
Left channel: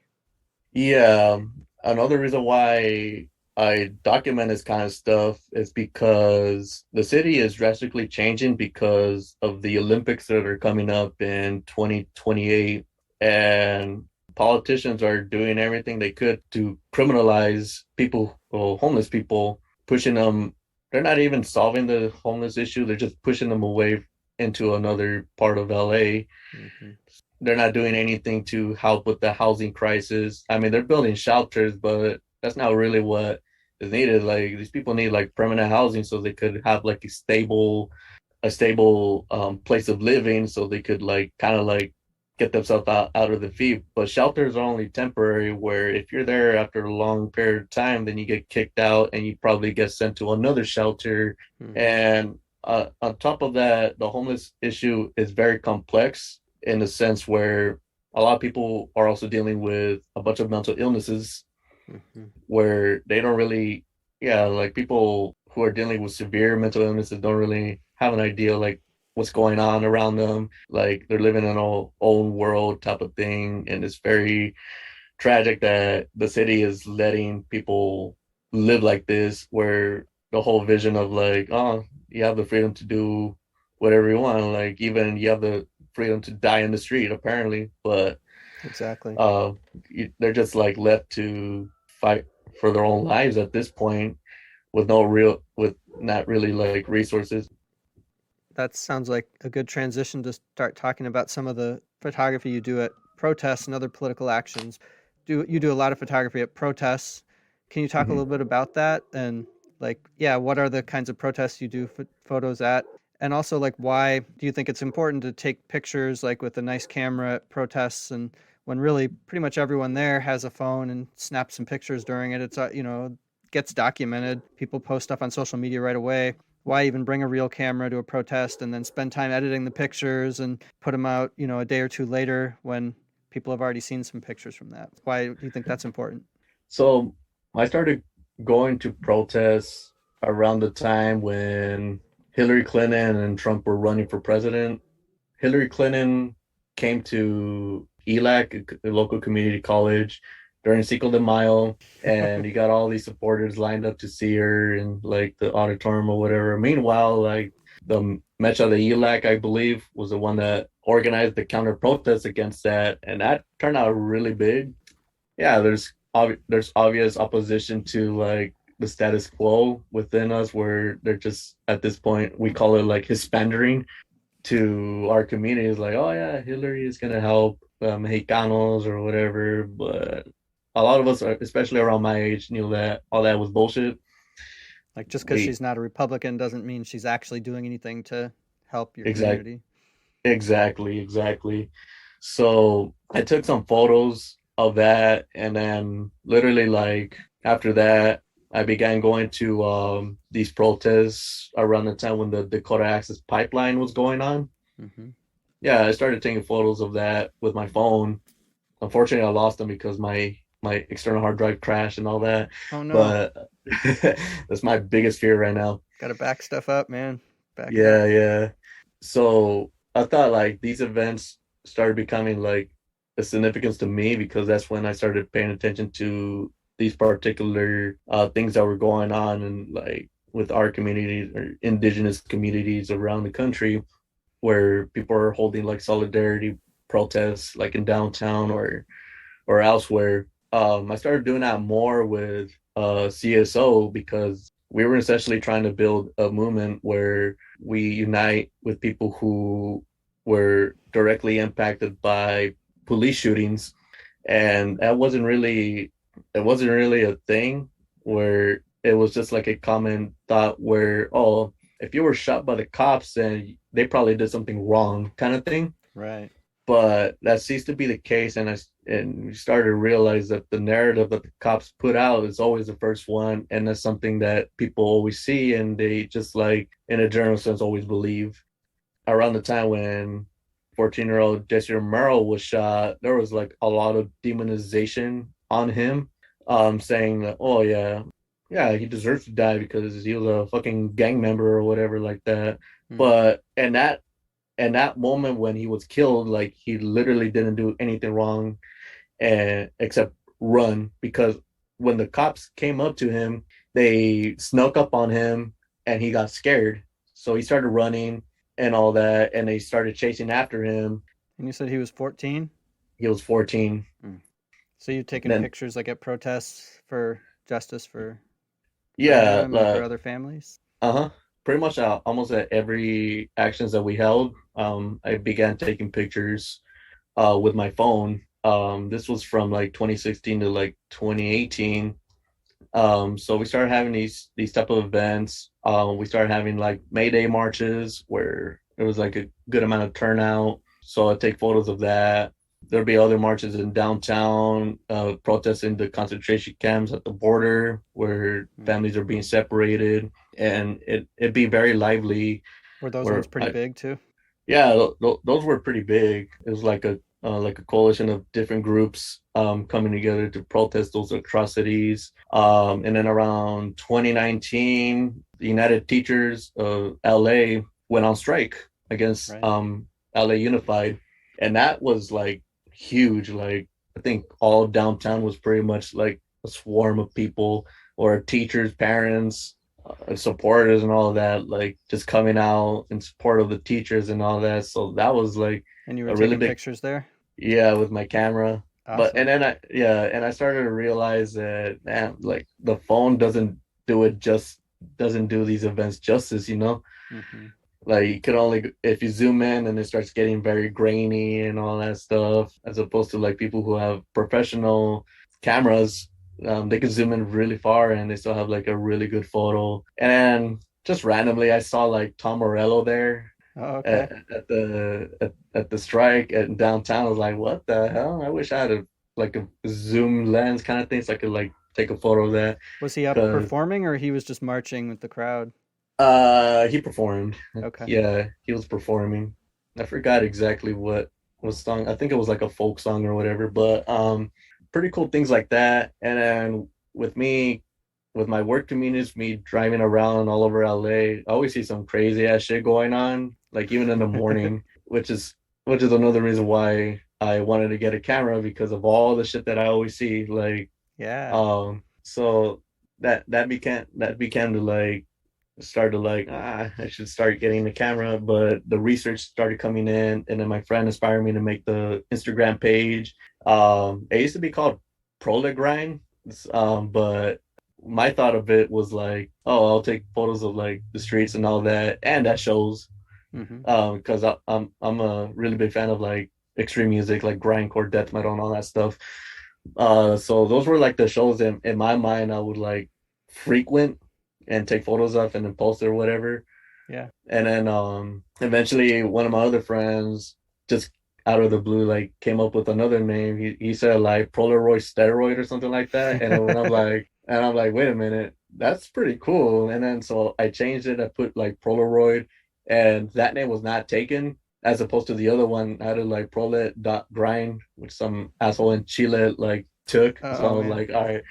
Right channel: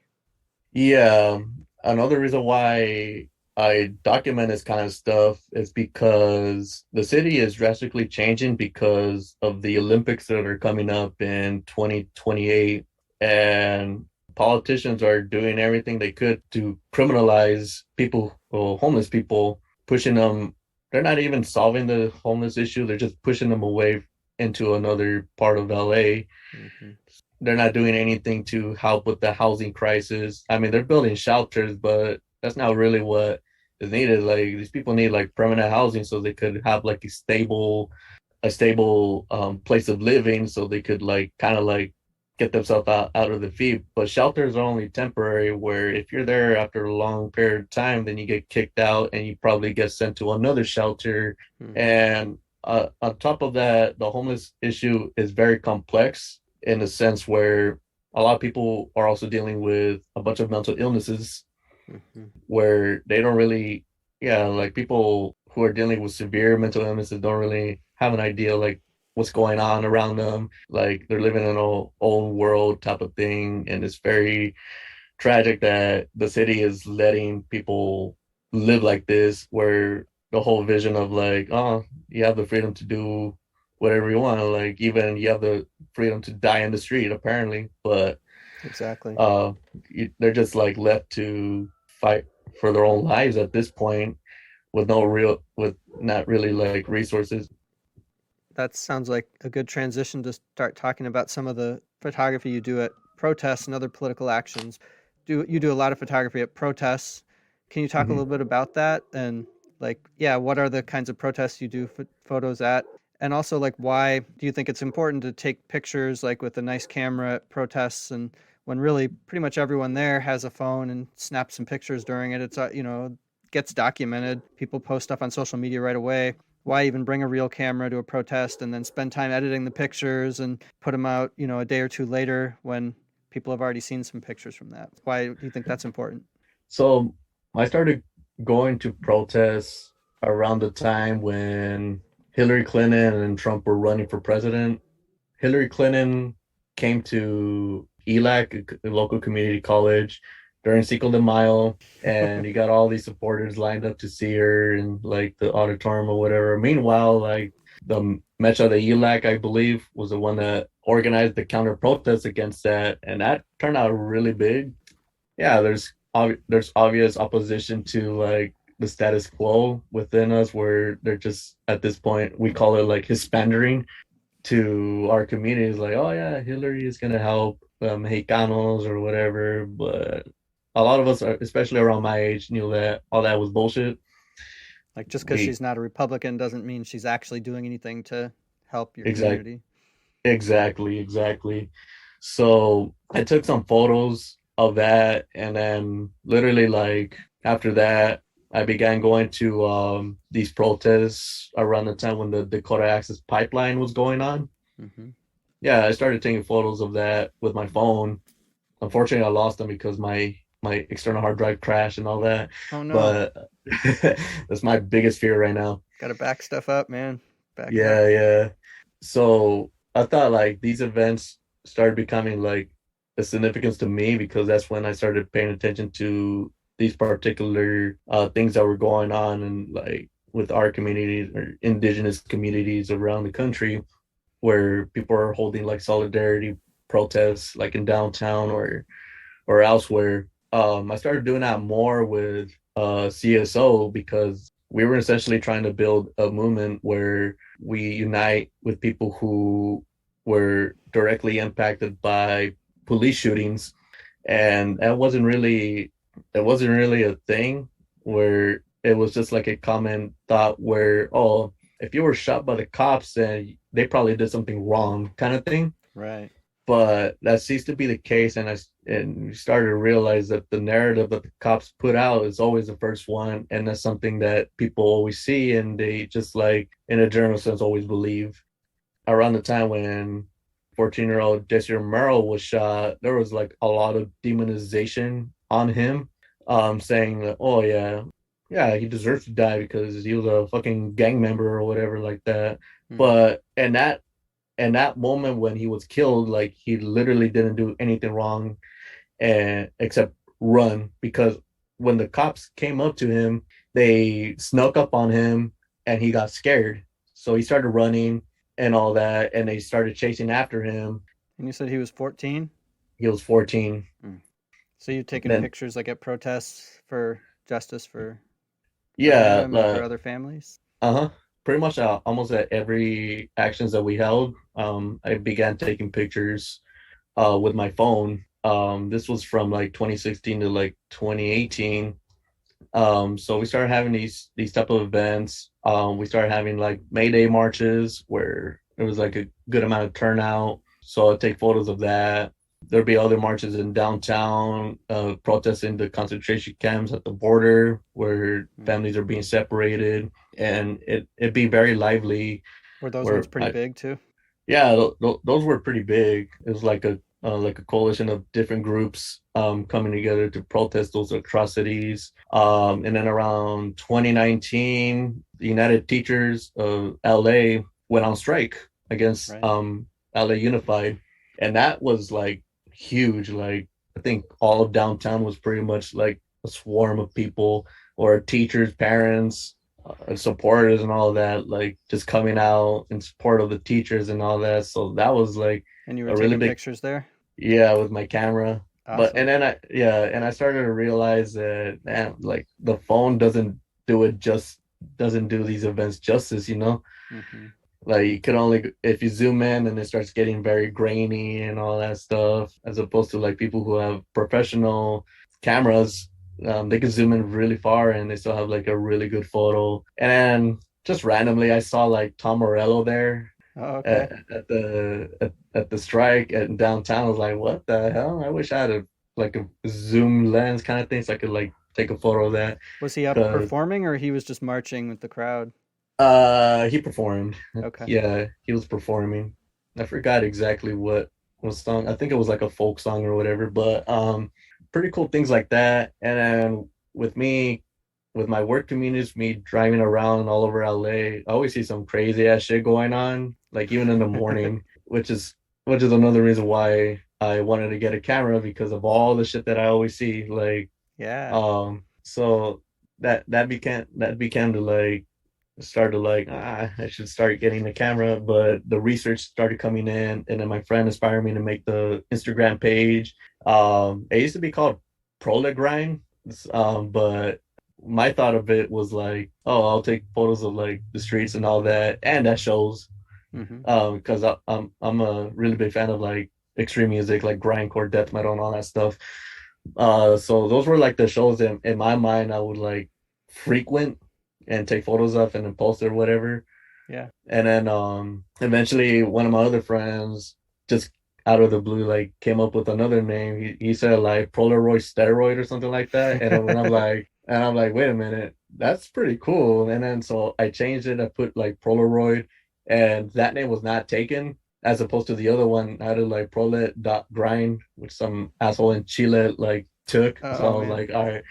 yeah. Another reason why I document this kind of stuff is because the city is drastically changing because of the Olympics that are coming up in 2028, and politicians are doing everything they could to criminalize people, well, homeless people, pushing them. They're not even solving the homeless issue, they're just pushing them away into another part of LA. Hmm. They're not doing anything to help with the housing crisis. I mean, they're building shelters, but that's not really what is needed. Like these people need like permanent housing so they could have like a stable place of living so they could like kind of like get themselves out of the feet. But shelters are only temporary, where if you're there after a long period of time, then you get kicked out and you probably get sent to another shelter. Hmm. And on top of that, the homeless issue is very complex in the sense where a lot of people are also dealing with a bunch of mental illnesses Hmm. where they don't really, yeah, like people who are dealing with severe mental illnesses don't really have an idea like what's going on around them. Like they're living in their own world type of thing, and it's very tragic that the city is letting people live like this, where the whole vision of like, oh, you have the freedom to do whatever you want, like even you have the freedom to die in the street, apparently, but Exactly. uh, they're just like left to fight for their own lives at this point with with not really like resources. That sounds like a good transition to start talking about some of the photography you do at protests and other political actions. Do you do a lot of photography at protests? Can you talk a Mhm. little bit about that and like yeah, what are the kinds of protests you do photos at? And also like why do you think it's important to take pictures like with a nice camera at protests and when really pretty much everyone there has a phone and snaps some pictures during it. It's gets documented. People post stuff on social media right away. Why even bring a real camera to a protest and then spend time editing the pictures and put them out, a day or two later when people have already seen some pictures from that? Why do you think that's important? So I started going to protests around the time when Hillary Clinton and Trump were running for president. Hillary Clinton came to ELAC, a local community college, during Cinco de Mayo, and he got all these supporters lined up to see her in like the auditorium or whatever. Meanwhile, like the Mecha de ELAC, I believe, was the one that organized the counter protest against that, and that turned out really big. Yeah, there's obvious opposition to like the status quo within us, where they're just at this point we call it like Hispandering to our communities, like, oh yeah, Hillary is gonna help Mexicanos or whatever. But a lot of us, especially around my age, knew that all that was bullshit. Like just because We she's not a Republican doesn't mean she's actually doing anything to help your exact community. exactly. So I took some photos of that, and then literally like after that, I began going to these protests around the time when the Dakota Access Pipeline was going on. Hmm. Yeah, I started taking photos of that with my phone. Unfortunately, I lost them because my external hard drive crashed and all that. Oh no, But that's my biggest fear right now. got to back stuff up, man. Back it up. Yeah. So I thought like these events started becoming like a significance to me because that's when I started paying attention to these particular things that were going on and like with our community or indigenous communities around the country where people are holding like solidarity protests like in downtown or elsewhere. I started doing that more with CSO because we were essentially trying to build a movement where we unite with people who were directly impacted by police shootings, and that wasn't really a thing where it was just like a common thought where, oh, if you were shot by the cops then they probably did something wrong kind of thing. Right. But that seems to be the case, and we started to realize that the narrative that the cops put out is always the first one, and that's something that people always see and they just like in a general sense always believe. Around the time when 14-year-old Jesse Romero was shot, there was like a lot of demonization on him, saying that, oh yeah, he deserves to die because he was a fucking gang member or whatever like that. Hmm. But and that moment when he was killed, like he literally didn't do anything wrong and except run, because when the cops came up to him, they snuck up on him and he got scared. So he started running and all that, and they started chasing after him. And you said he was 14? He was 14. Mm. So you've taken Then pictures like at protests for justice for yeah, him and for other families? uh-huh. Pretty much almost at every actions that we held, I began taking pictures with my phone. This was from like 2016 to like 2018. So we started having these type of events. We started having like May Day marches where there was like a good amount of turnout. So I'd take photos of that. There'd be other marches in downtown, protesting the concentration camps at the border where Mm. families are being separated, and it'd be very lively. Were those ones Where pretty I big too? Yeah, those were pretty big. It was like a coalition of different groups coming together to protest those atrocities. And then around 2019, the United Teachers of LA went on strike. against Right. LA Unified, and that was like huge. Like I think all of downtown was pretty much like a swarm of people or teachers, parents, supporters, and all of that. Like just coming out in support of the teachers and all that. So that was like And you were a really taking big, pictures there? yeah, with my camera. But and Awesome. then I started to realize that man, like the phone doesn't do it just doesn't do these events justice, you know? Hmm. Like you could only if you zoom in and it starts getting very grainy and all that stuff, as opposed to like people who have professional cameras, they can zoom in really far and they still have like a really good photo. And then just randomly, I saw like Tom Morello there Oh, okay. at the strike at downtown. I was like, what the hell? I wish I had a like a zoom lens kind of thing so I could like take a photo of that. Was he up Cause performing or he was just marching with the crowd? he performed. Okay. Yeah, he was performing. I forgot exactly what was song. I think it was like a folk song or whatever, but pretty cool things like that. And then with me, with my work communities, me driving around all over LA, I always see some crazy ass shit going on, like even in the morning, which is another reason why I wanted to get a camera because of all the shit that I always see. Like Yeah. so that became to like started like I should start getting the camera, but the research started coming in, and then my friend inspired me to make the Instagram page. It used to be called Prolegrind, but my thought of it was like, oh, I'll take photos of like the streets and all that, and that shows. Hmm. Because I'm a really big fan of like extreme music, like grindcore, death metal, and all that stuff. So those were like the shows in my mind I would like frequent and take photos of and then post it or whatever. Yeah. And then eventually one of my other friends just out of the blue like came up with another name. He said like Polaroid steroid or something like that. And then when I'm like, wait a minute, that's pretty cool. And then so I changed it, I put like Polaroid and that name was not taken as opposed to the other one. I had to like prolet dot grind, which some asshole in Chile like took. So I Oh was man. like, all right.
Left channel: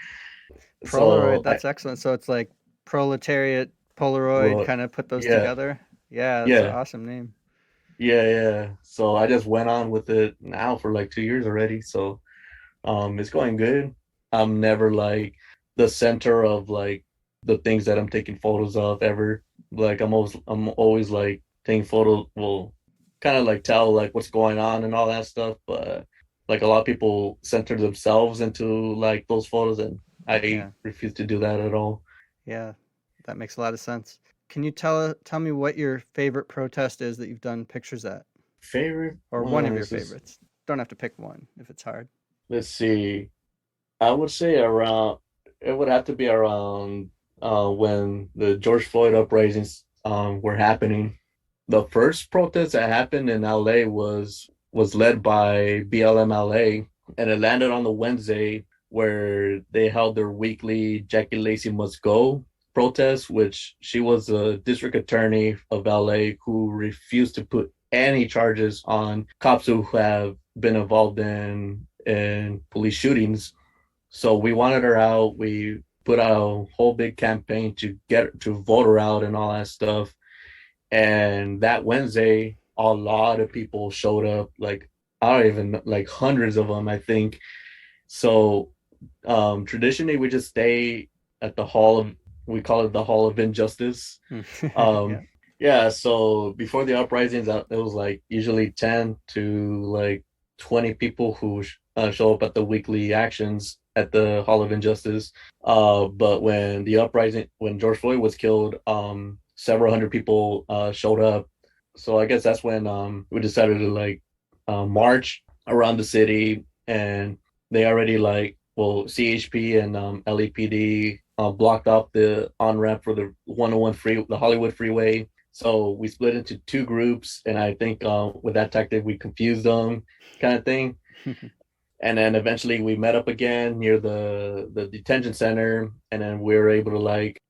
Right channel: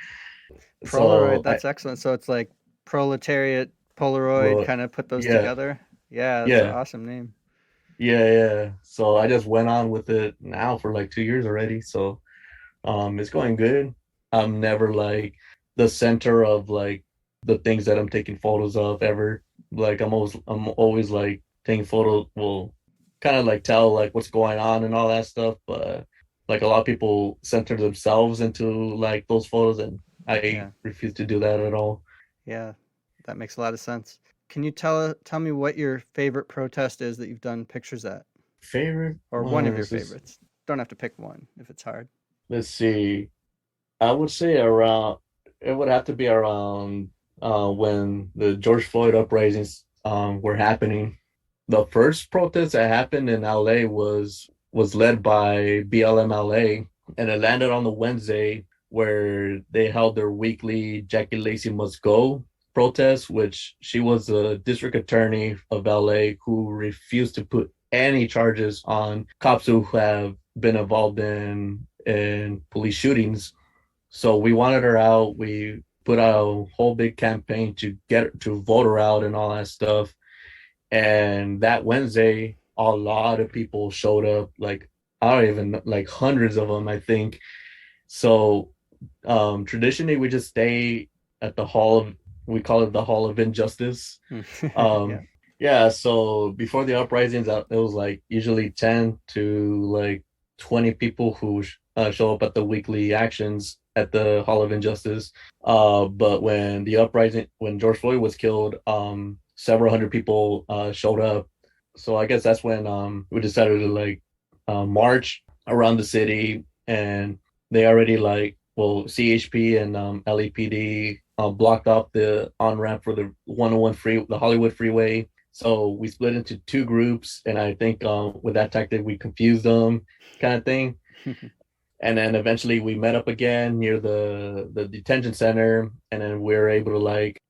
Polaroid, So I that's excellent. So it's like proletariat, Polaroid, wrote, kind of put those yeah, together. Yeah, that's an yeah, awesome name. yeah. So I just went on with it now for like 2 years already. So it's going good. I'm never like the center of like the things that I'm taking photos of ever. Like I'm always like taking photos, well, kind of like tell like what's going on and all that stuff. But like a lot of people center themselves into like those photos, and I Yeah. refuse to do that at all. Yeah. That makes a lot of sense. Can you tell me what your favorite protest is that you've done pictures at? Favorite Or one of your ones is, favorites? Don't have to pick one if it's hard. let's see. I would say around it would have to be around when the George Floyd uprisings were happening. The first protest that happened in LA was led by BLM LA, and it landed on the Wednesday where they held their weekly Jackie Lacey Must Go protest, which she was the district attorney of LA who refused to put any charges on cops who have been involved in police shootings. So we wanted her out. We put out a whole big campaign to get to vote her out and all that stuff. And that Wednesday, a lot of people showed up. Like I don't even like hundreds of them, I think. So traditionally, we just stay at the hall of we call it the Hall of Injustice. Yeah. Um, yeah. So before the uprisings, it was like usually 10 to like 20 people who show up at the weekly actions at the Hall of Injustice. But when George Floyd was killed, several hundred people showed up. So I guess that's when we decided to like march around the city, and they already like well CHP and LEPD blocked off the on ramp for the 101 the Hollywood freeway. So we split into two groups, and I think with that tactic we confused them, kind of thing. And then eventually we met up again near the detention center, and then we were able to like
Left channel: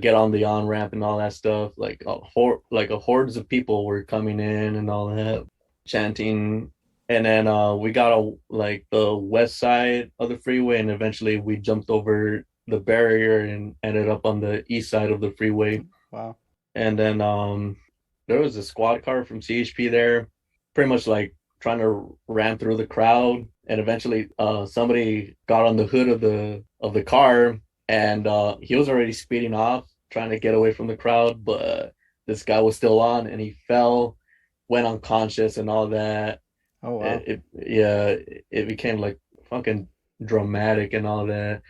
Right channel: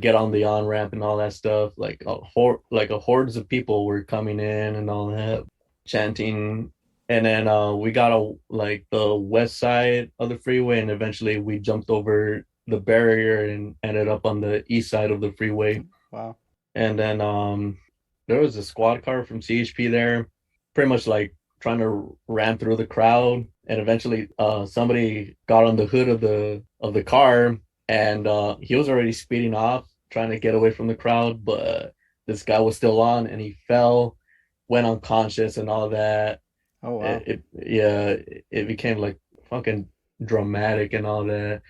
get on the on ramp and all that stuff. Like a hordes of people were coming in and all that, chanting. And then we got like the west side of the freeway, and eventually we jumped over the barrier and ended up on the east side of the freeway. Wow. And then there was a squad car from CHP there, pretty much like trying to ram through the crowd, and eventually somebody got on the hood of the car, and he was already speeding off, trying to get away from the crowd, but this guy was still on, and he fell, went unconscious, and all that. Oh wow. Yeah, it became like fucking dramatic and all that.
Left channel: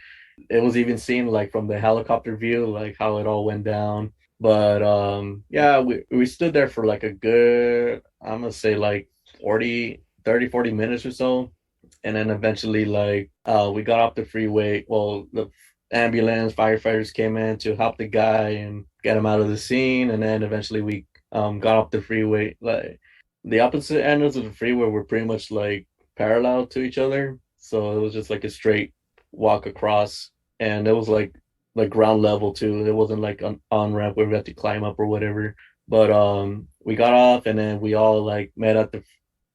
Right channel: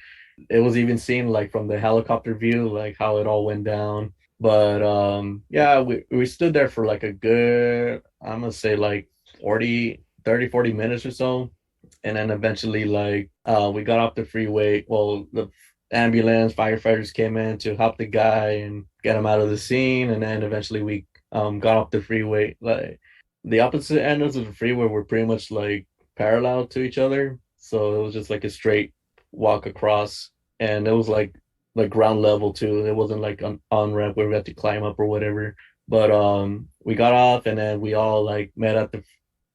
It was even seen like from the helicopter view, like how it all went down. But yeah, we stood there for like a good, I'm gonna say like 40 minutes or so. And then eventually like we got off the freeway. Well, the ambulance, firefighters came in to help the guy and get him out of the scene. And then eventually we got off the freeway. Like the opposite ends of the freeway were pretty much like parallel to each other. So it was just like a straight walk across, and it was like ground level too. It wasn't like an on ramp where we had to climb up or whatever. But we got off, and then we all like met at the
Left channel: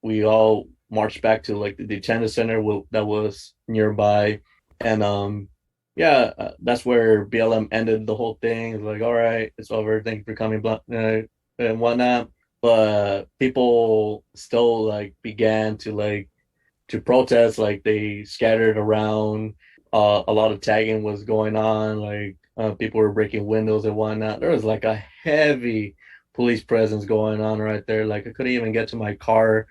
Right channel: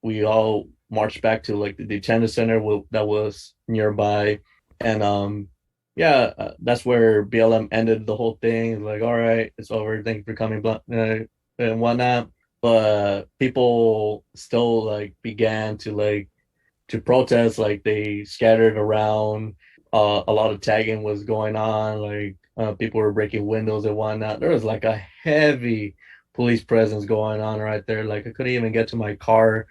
we all marched back to like the detention center that was nearby. And that's where BLM ended the whole thing. It's like, all right, it's over, thank you for coming, and whatnot. But people still like began to protest. Like they scattered around. A lot of tagging was going on. Like people were breaking windows and whatnot. There was like a heavy police presence going on right there. Like I couldn't even get to my car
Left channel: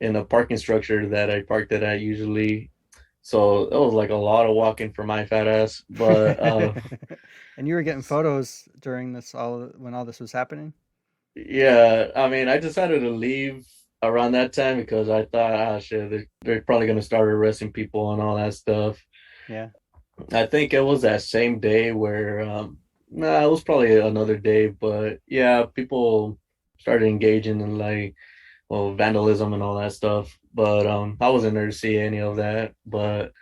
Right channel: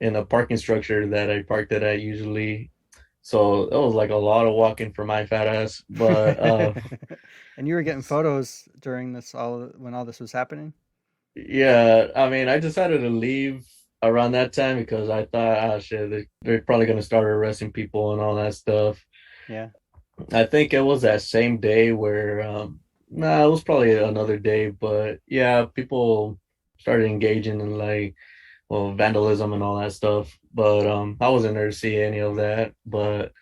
in a parking structure that I parked it at usually. So it was like a lot of walking for my fat ass. But And you were getting photos during this all when all this was happening? yeah, I mean, I decided to leave around that time because I thought, ah, shit, they're probably gonna start arresting people and all that stuff. Yeah. I think it was that same day where, nah, it was probably another day, but yeah, people started engaging in like, well, vandalism and all that stuff. But I wasn't there to see any of that. But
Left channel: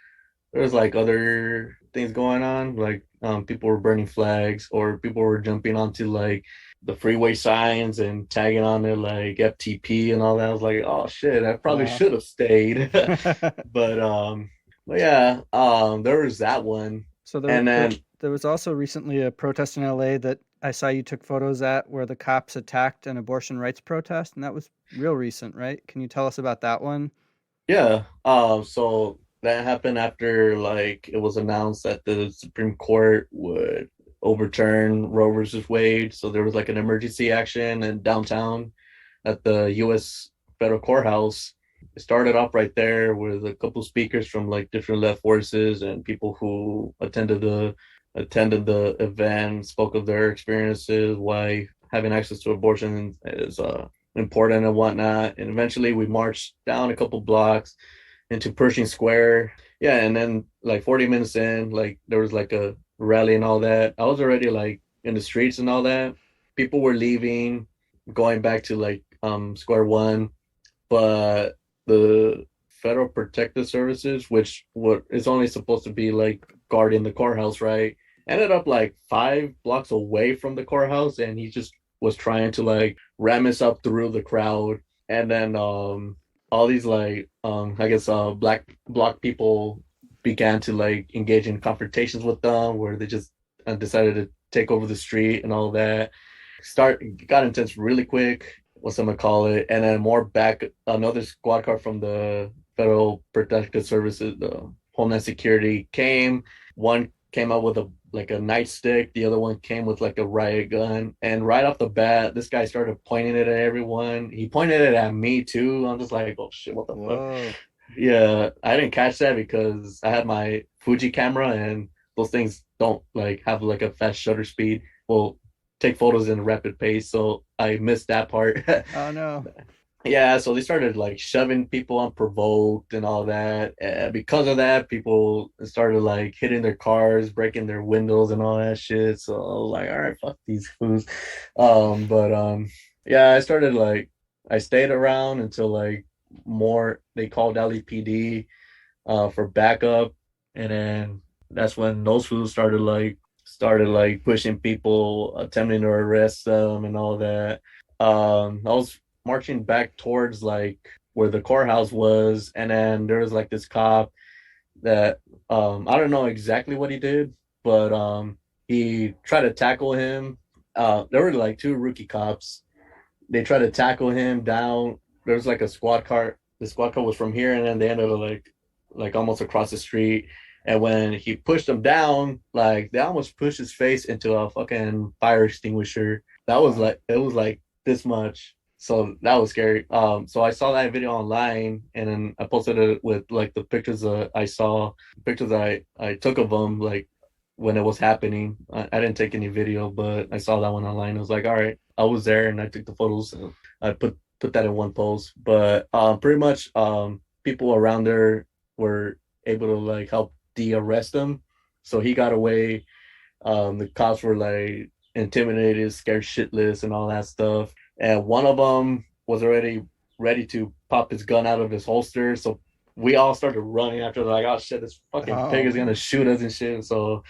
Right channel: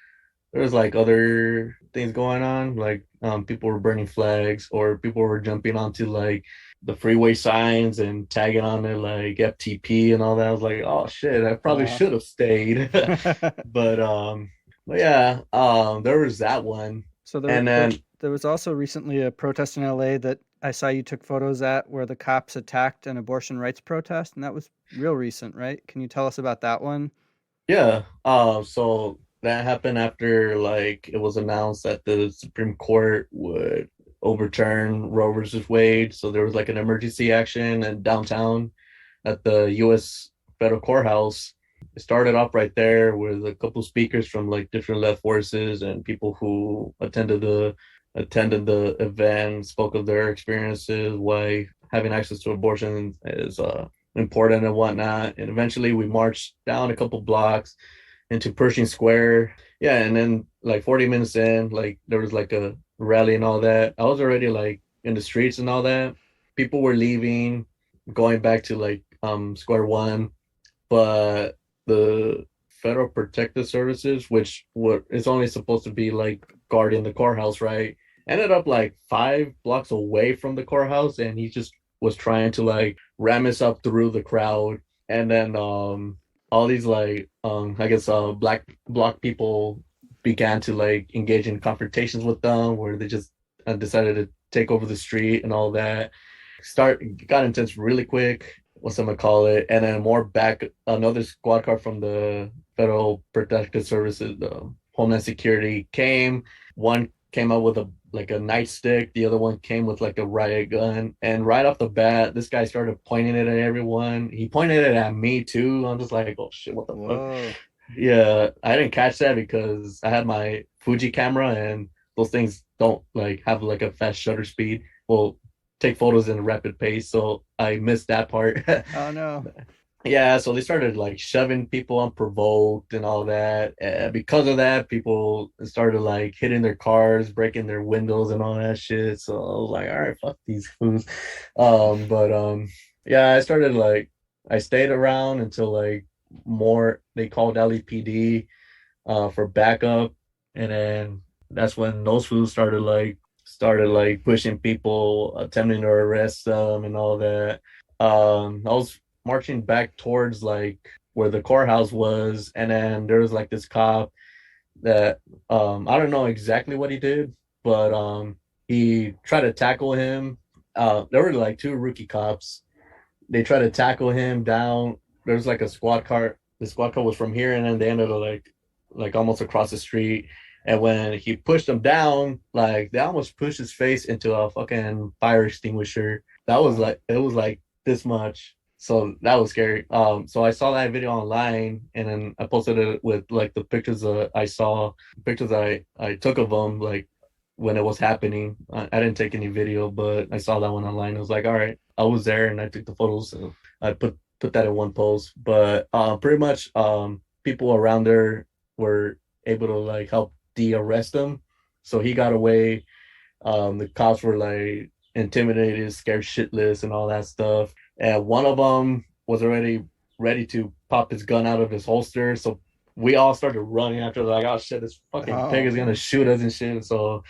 there's like other things going on, like people were burning flags, or people were jumping onto like the freeway signs and tagging on it like FTP and all that. I was like, oh shit, I probably Wow. should have stayed. but um but yeah, there was that one. So And then there was also recently a protest in LA that I saw you took photos at where the cops attacked an abortion rights protest, and that was real recent, right? Can you tell us about that one? yeah, so that happened after like it was announced that the Supreme Court would overturn Roe versus Wade. So there was like an emergency action in downtown at the U.S. federal courthouse. It started off right there with a couple speakers from like different left forces, and people who attended the event spoke of their experiences, why having access to abortion is important and whatnot. And eventually we marched down a couple blocks into Pershing Square. Yeah, and then like 40 minutes in, like there was like a rally and all that. I was already like in the streets and all that. People were leaving, going back to like square one, but the Federal Protective Services, which what is only supposed to be like guarding the courthouse, right? Ended up like 5 blocks away from the courthouse, and he just was trying to like ram us up through the crowd. And then all these like I guess black block people began to like engage in confrontations with them, where they just decided to take over the street and all that. Start got intense really quick. What's I'm gonna call it? And then more back, another squad car from the Federal Protective Services, the Homeland Security came. One came out with a nightstick. The other one came with like a riot gun. And right off the bat, this guy started pointing it at everyone. He pointed it at me too. I'm just like, oh shit, what the fuck? Whoa. Yeah, I didn't catch that because I had my Fuji camera, and those things don't like have like a fast shutter speed. Well, take photos in a rapid pace, so I missed that part. Oh no. Yeah, so they started like shoving people unprovoked and all that. Because of that, people started like hitting their cars, breaking their windows and all that shit. So I was like, all right, fuck these fools. But yeah, I stayed around until like more they called LEPD for backup, and then that's when those fools started like pushing people, attempting to arrest them and all that. I was marching back towards like where the courthouse was, and then there was like this cop that I don't know exactly what he did, but he tried to tackle him. There were like two rookie cops, they tried to tackle him down. There was like a squad car. The squad car was from here, and then they ended up like almost across the street. And when he pushed them down, like they almost pushed his face into a fucking fire extinguisher. That was Wow. like it was like this much. So that was scary. So I saw that video online, and then I posted it with like the pictures that I saw, pictures I took of them, like when it was happening. I didn't take any video, but I saw that one online. I was like, all right, I was there and I took the photos. So I put that in one post. But pretty much people around there were able to like help de-arrest him. So he got away. The cops were like intimidated, scared shitless, and all that stuff. And one of them was already ready to pop his gun out of his holster. So we all started running after, like, oh shit, this fucking Oh pig is gonna man. shoot us and shit. So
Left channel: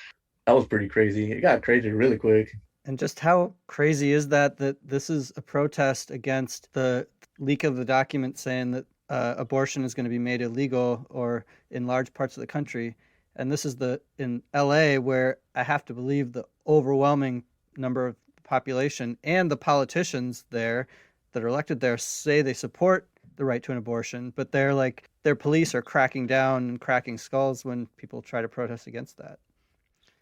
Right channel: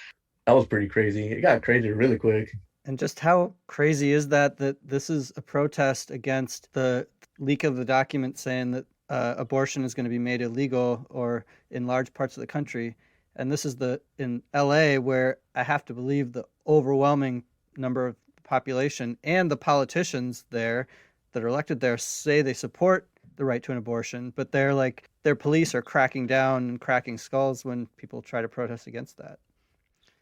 that was pretty crazy. It got crazy really quick. And just how crazy is that this is a protest against the leak of the document saying that abortion is going to be made illegal or in large parts of the country. And this is the in LA where I have to believe the overwhelming number of the population and the politicians there that are elected there say they support the right to an abortion, but they're like their police are cracking down and cracking skulls when people try to protest against that.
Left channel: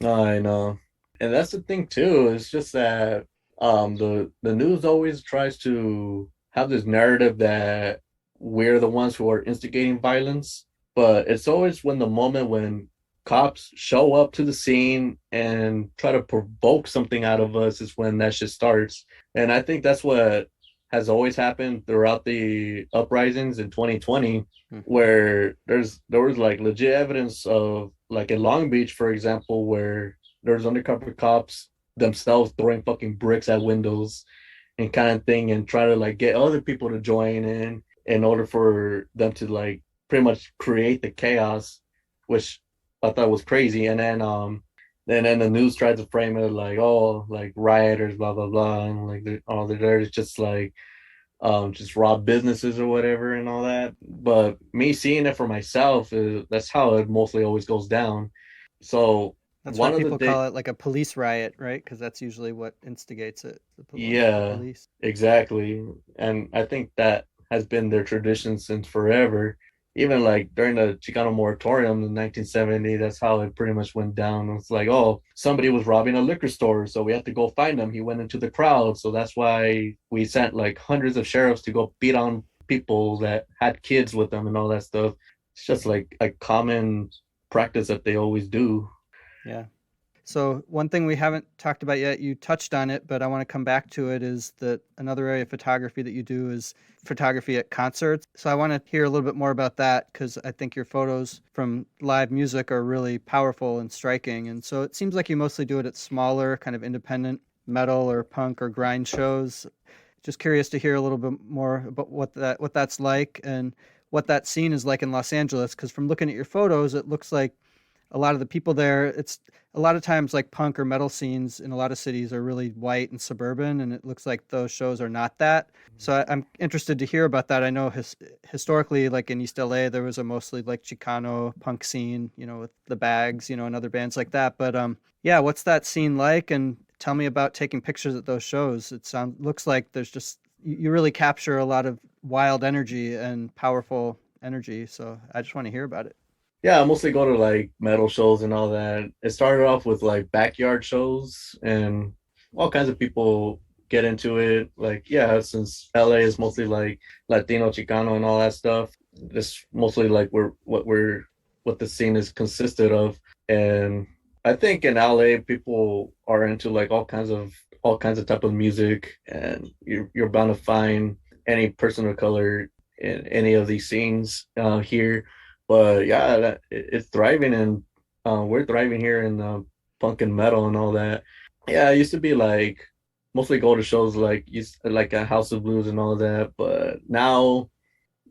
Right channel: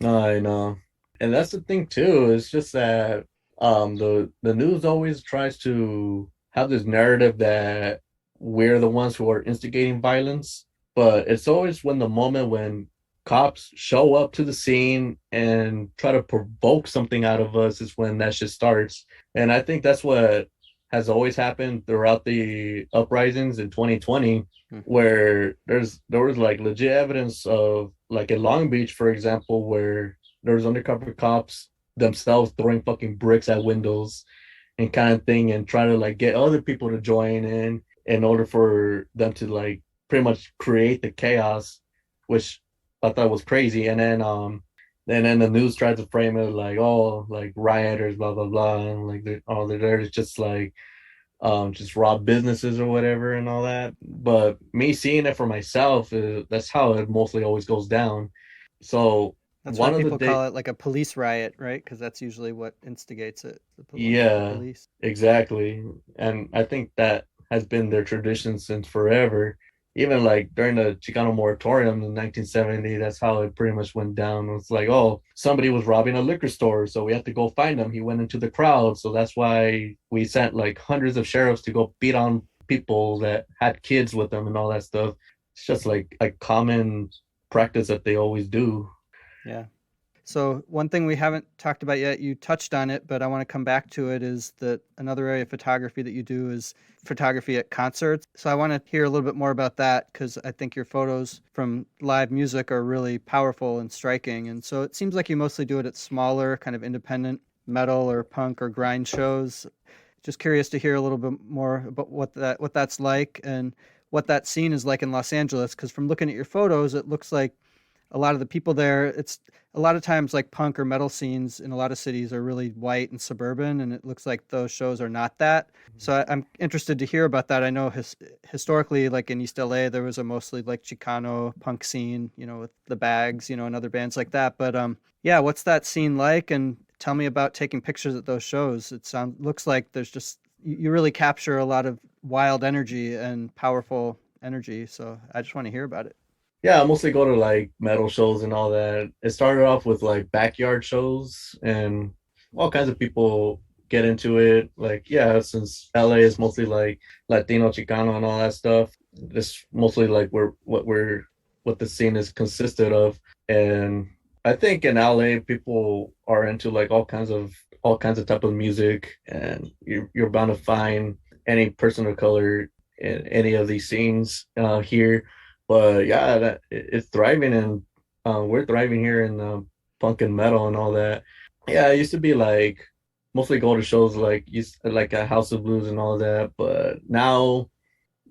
I know. And that's the thing too. It's just that the news always tries to have this narrative that we're the ones who are instigating violence, but it's always when the moment when cops show up to the scene and try to provoke something out of us is when that shit starts. And I think that's what has always happened throughout the uprisings in 2020, Mm-hmm. where there was like legit evidence of like in Long Beach, for example, where there was undercover cops themselves throwing fucking bricks at windows and kind of thing, and try to like get other people to join in order for them to like pretty much create the chaos, which I thought was crazy. And then the news tried to frame it like, oh, like rioters, blah blah blah, and like they're there to just rob businesses or whatever and all that. But me seeing it for myself, that's how it mostly always goes down. So That's why one of the people day, call it like a police riot, right? Because that's usually what instigates it. The yeah, police. exactly. And I think that has been their tradition since forever. Even like during the Chicano moratorium in 1970, that's how it pretty much went down. It's like, oh, somebody was robbing a liquor store, so we had to go find him. He went into the crowd, so that's why we sent like hundreds of sheriffs to go beat on people that had kids with them and all that stuff. It's just like a common practice that they always do. Yeah. So one thing we haven't talked about yet, you touched on it, but I want to come back to it, is that another area of photography that you do is photography at concerts. So I want to hear a little bit more about that because I think your photos from live music are really powerful and striking. And so it seems like you mostly do it at smaller, kind of independent metal or punk or grind shows. Just curious to hear a little bit more about what that's like and what that scene is like in Los Angeles. Because from looking at your photos, it looks like a lot of the people there, it's a lot of times like punk or metal scenes in a lot of cities are really white and suburban, and it looks like those shows are not that. So I'm interested to hear about that. I know historically, like in East LA, there was a mostly like Chicano punk scene, with the Bags, and other bands like that. But yeah, what's that scene like? And tell me about taking pictures at those shows. It sounds looks like there's just you really capture a lot of wild energy and powerful energy. So I just want to hear about it. Yeah, I mostly go to like metal shows and all that. It started off with like backyard shows, and all kinds of people get into it. Like, yeah, since LA is mostly like Latino, Chicano, and all that stuff, it's mostly like what the scene is consisted of. And I think in LA, people are into like all kinds of type of music, and you're bound to find any person of color in any of these scenes here. But yeah, it's thriving, and we're thriving here in punk and metal and all that. Yeah, it used to be like mostly go to shows like like a House of Blues and all that, but now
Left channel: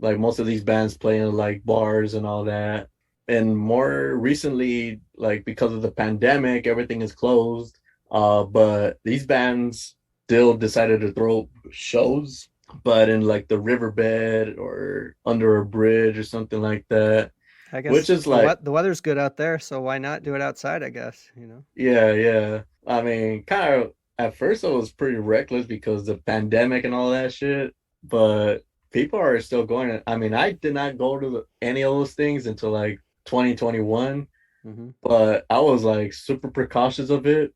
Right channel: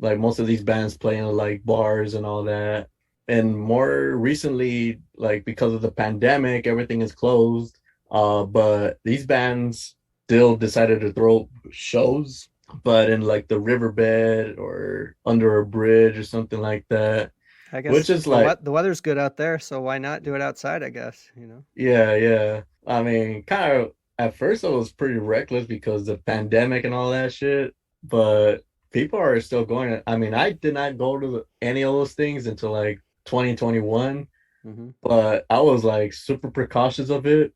like most of these bands play in like bars and all that. And more recently, like because of the pandemic, everything is closed. But these bands still decided to throw shows, but in like the riverbed or under a bridge or something like that, I which guess is like, the weather's good out there, so why not do it outside, I guess. yeah, yeah. I mean, kind of. at first it was pretty reckless because the pandemic and all that shit, but people are still going. I mean, I did not go to any of those things until like 2021, Hmm. but I was like super precautious of it.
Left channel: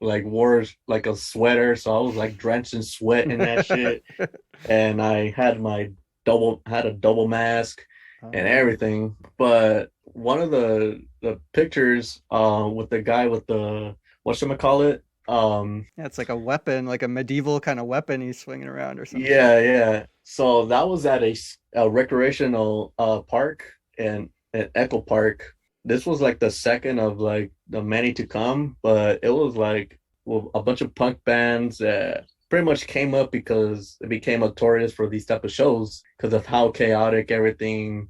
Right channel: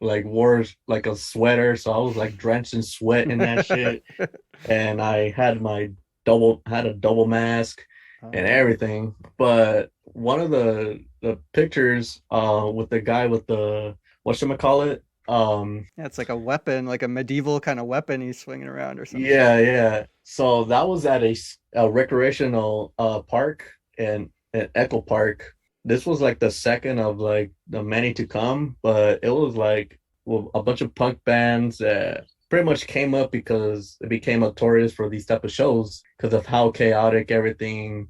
Like wore like a sweater, so I was like drenched in sweat in that shit, and I had my had a double mask Oh and no. everything. But one of the pictures with the guy with the whatchamacallit, Yeah, it's like a weapon, like a medieval kind of weapon he's swinging around or some shit. yeah. So that was at a recreational park in Echo Park. This was like the second of like the many to come, but it was like, well, a bunch of punk bands that pretty much came up because it became notorious for these type of shows because of how chaotic everything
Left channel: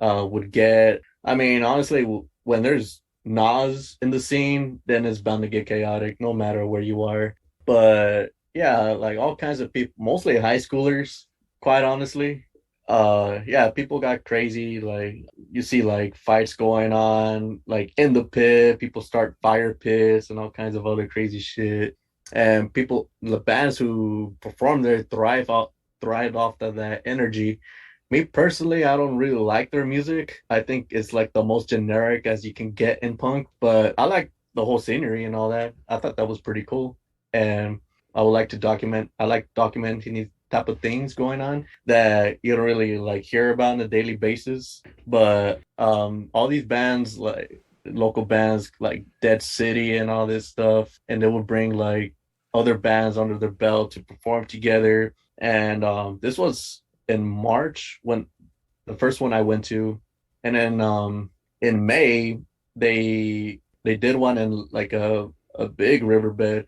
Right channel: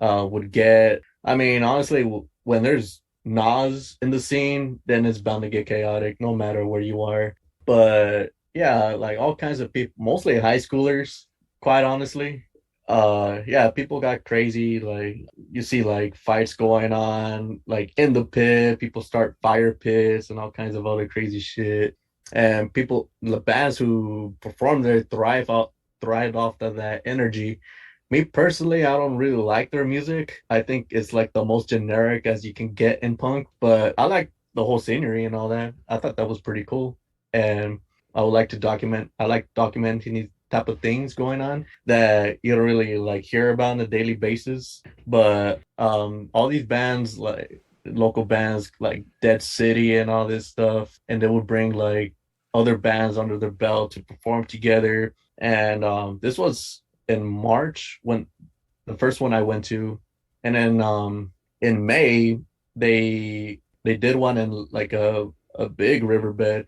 would get. I mean, honestly, when there's Nas in the scene, then it's bound to get chaotic no matter where you are. But yeah, like all kinds of people, mostly high schoolers, quite honestly. Yeah, people got crazy. Like you see like fights going on, like in the pit, people start fire pits and all kinds of other crazy shit. And people, the bands who perform there thrive off of that energy. Me personally, I don't really like their music. I think it's like the most generic as you can get in punk, but I like the whole scenery and all that. I thought that was pretty cool. And I would like to I like documenting these type of things going on that you don't really like hear about on a daily basis. But all these bands like local bands like Dead City and all this stuff, and they would bring like other bands under their belt to perform together. And this was in March when the first one I went to, and then in May they did one in like a big riverbed,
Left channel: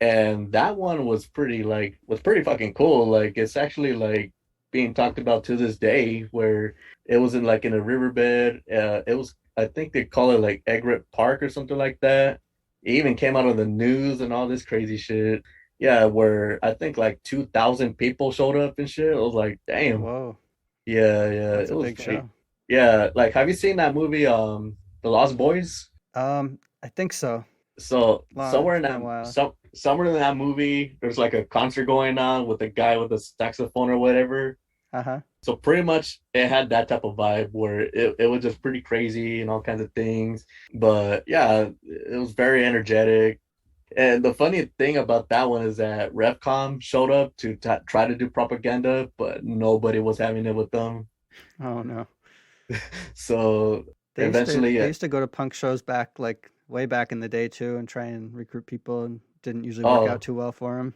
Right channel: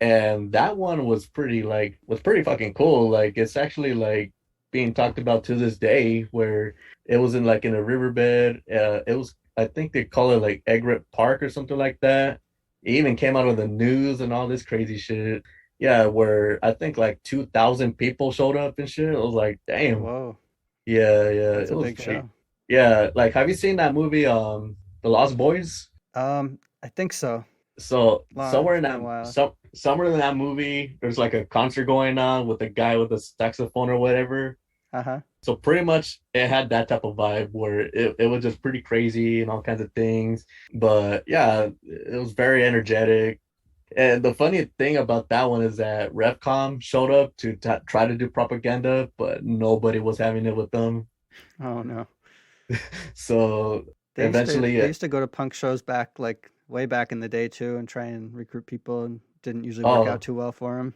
and that one was pretty fucking cool. Like it's actually like being talked about to this day, where it was in a riverbed. It was, I think they call it like Egret Park or something like that. It even came out of the news and all this crazy shit. Yeah, where I think like 2,000 people showed up and shit. I was like, damn. Whoa, Yeah, that's it a was big pretty. show. Yeah, like have you seen that movie, The Lost Boys? I think so. So Long, it's been a while. somewhere in that movie, there's like a concert going on with a guy with a saxophone or whatever. Uh-huh. So pretty much it had that type of vibe where it was just pretty crazy and all kinds of things. But yeah, it was very energetic. And the funny thing about that one is that Revcom showed up to try to do propaganda, but nobody was having it with them. Oh no. So They used to eventually, they used to go to punk shows back like way back in the day too and try and recruit people and didn't usually work out oh too well for them.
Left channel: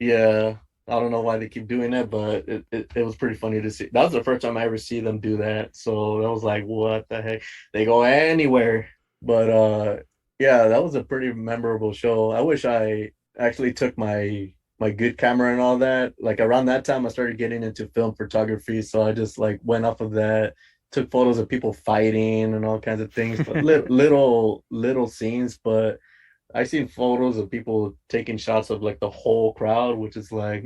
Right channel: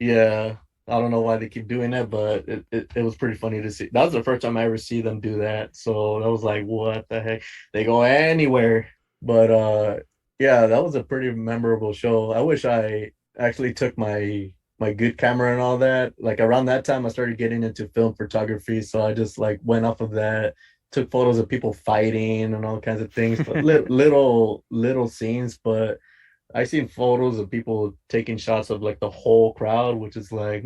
yeah, I don't know why they keep doing it, but it was pretty funny to see. That was the first time I ever see them do that. So that was like, what the heck? They go anywhere. But yeah, that was a pretty memorable show. I wish I actually took my good camera and all that. Like around that time I started getting into film photography, so I just like went off of that, took photos of people fighting and all kinds of things, but little scenes, but I seen photos of people taking shots of like the whole crowd, which is like,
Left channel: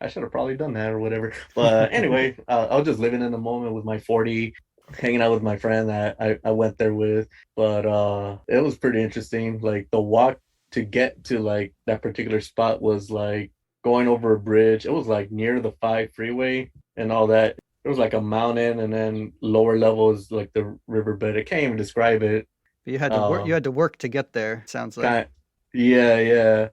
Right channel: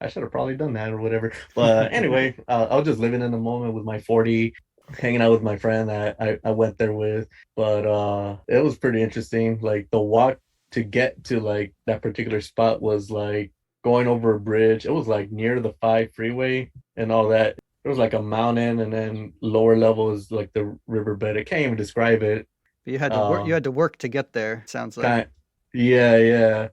I should have probably done that or whatever. But anyway, I was just living in the moment with my 40, hanging out with my friend that I went there with. But it was pretty interesting. Like the walk to get to like that particular spot was like going over a bridge. It was like near the 5 freeway and all that. There was like a mountain, and then lower level is like the riverbed. I can't even describe it. But you Um, had to work to get there, sounds like. kind yeah.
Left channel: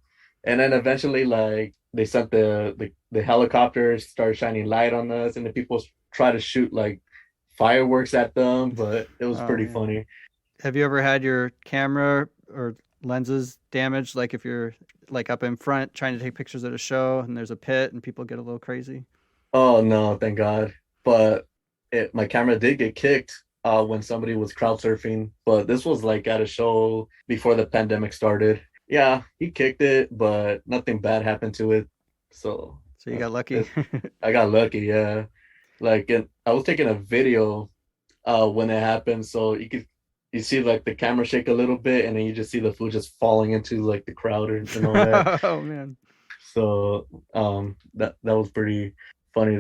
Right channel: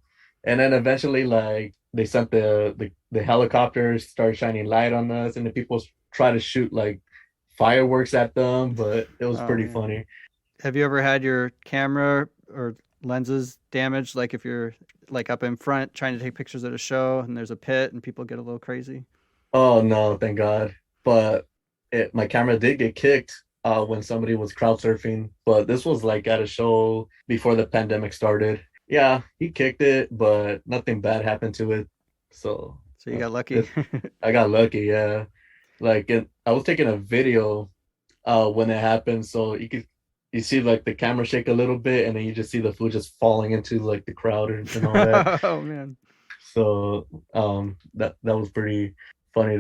And then eventually like they sent the helicopters, started shining light on us, and the people try to shoot like fireworks at them, but it was Oh pretty man. funny. Have you ever had your camera or lenses damaged like if you're like up in front trying to take pictures at a show and there's a pit and people get a little crazy? Oh no, thank God. But my camera did get kicked when somebody was crowd surfing, but this was like at a show before the pandemic started. Yeah, he kicked it, but nothing bad happened to it. So So you got lucky. it, I got lucky, yeah. Like, and I was taking a video when it happened, so you see like the camera shake a little bit, and then you just see the food just falling into like the crowd and all that. Oh man. So that was pretty funny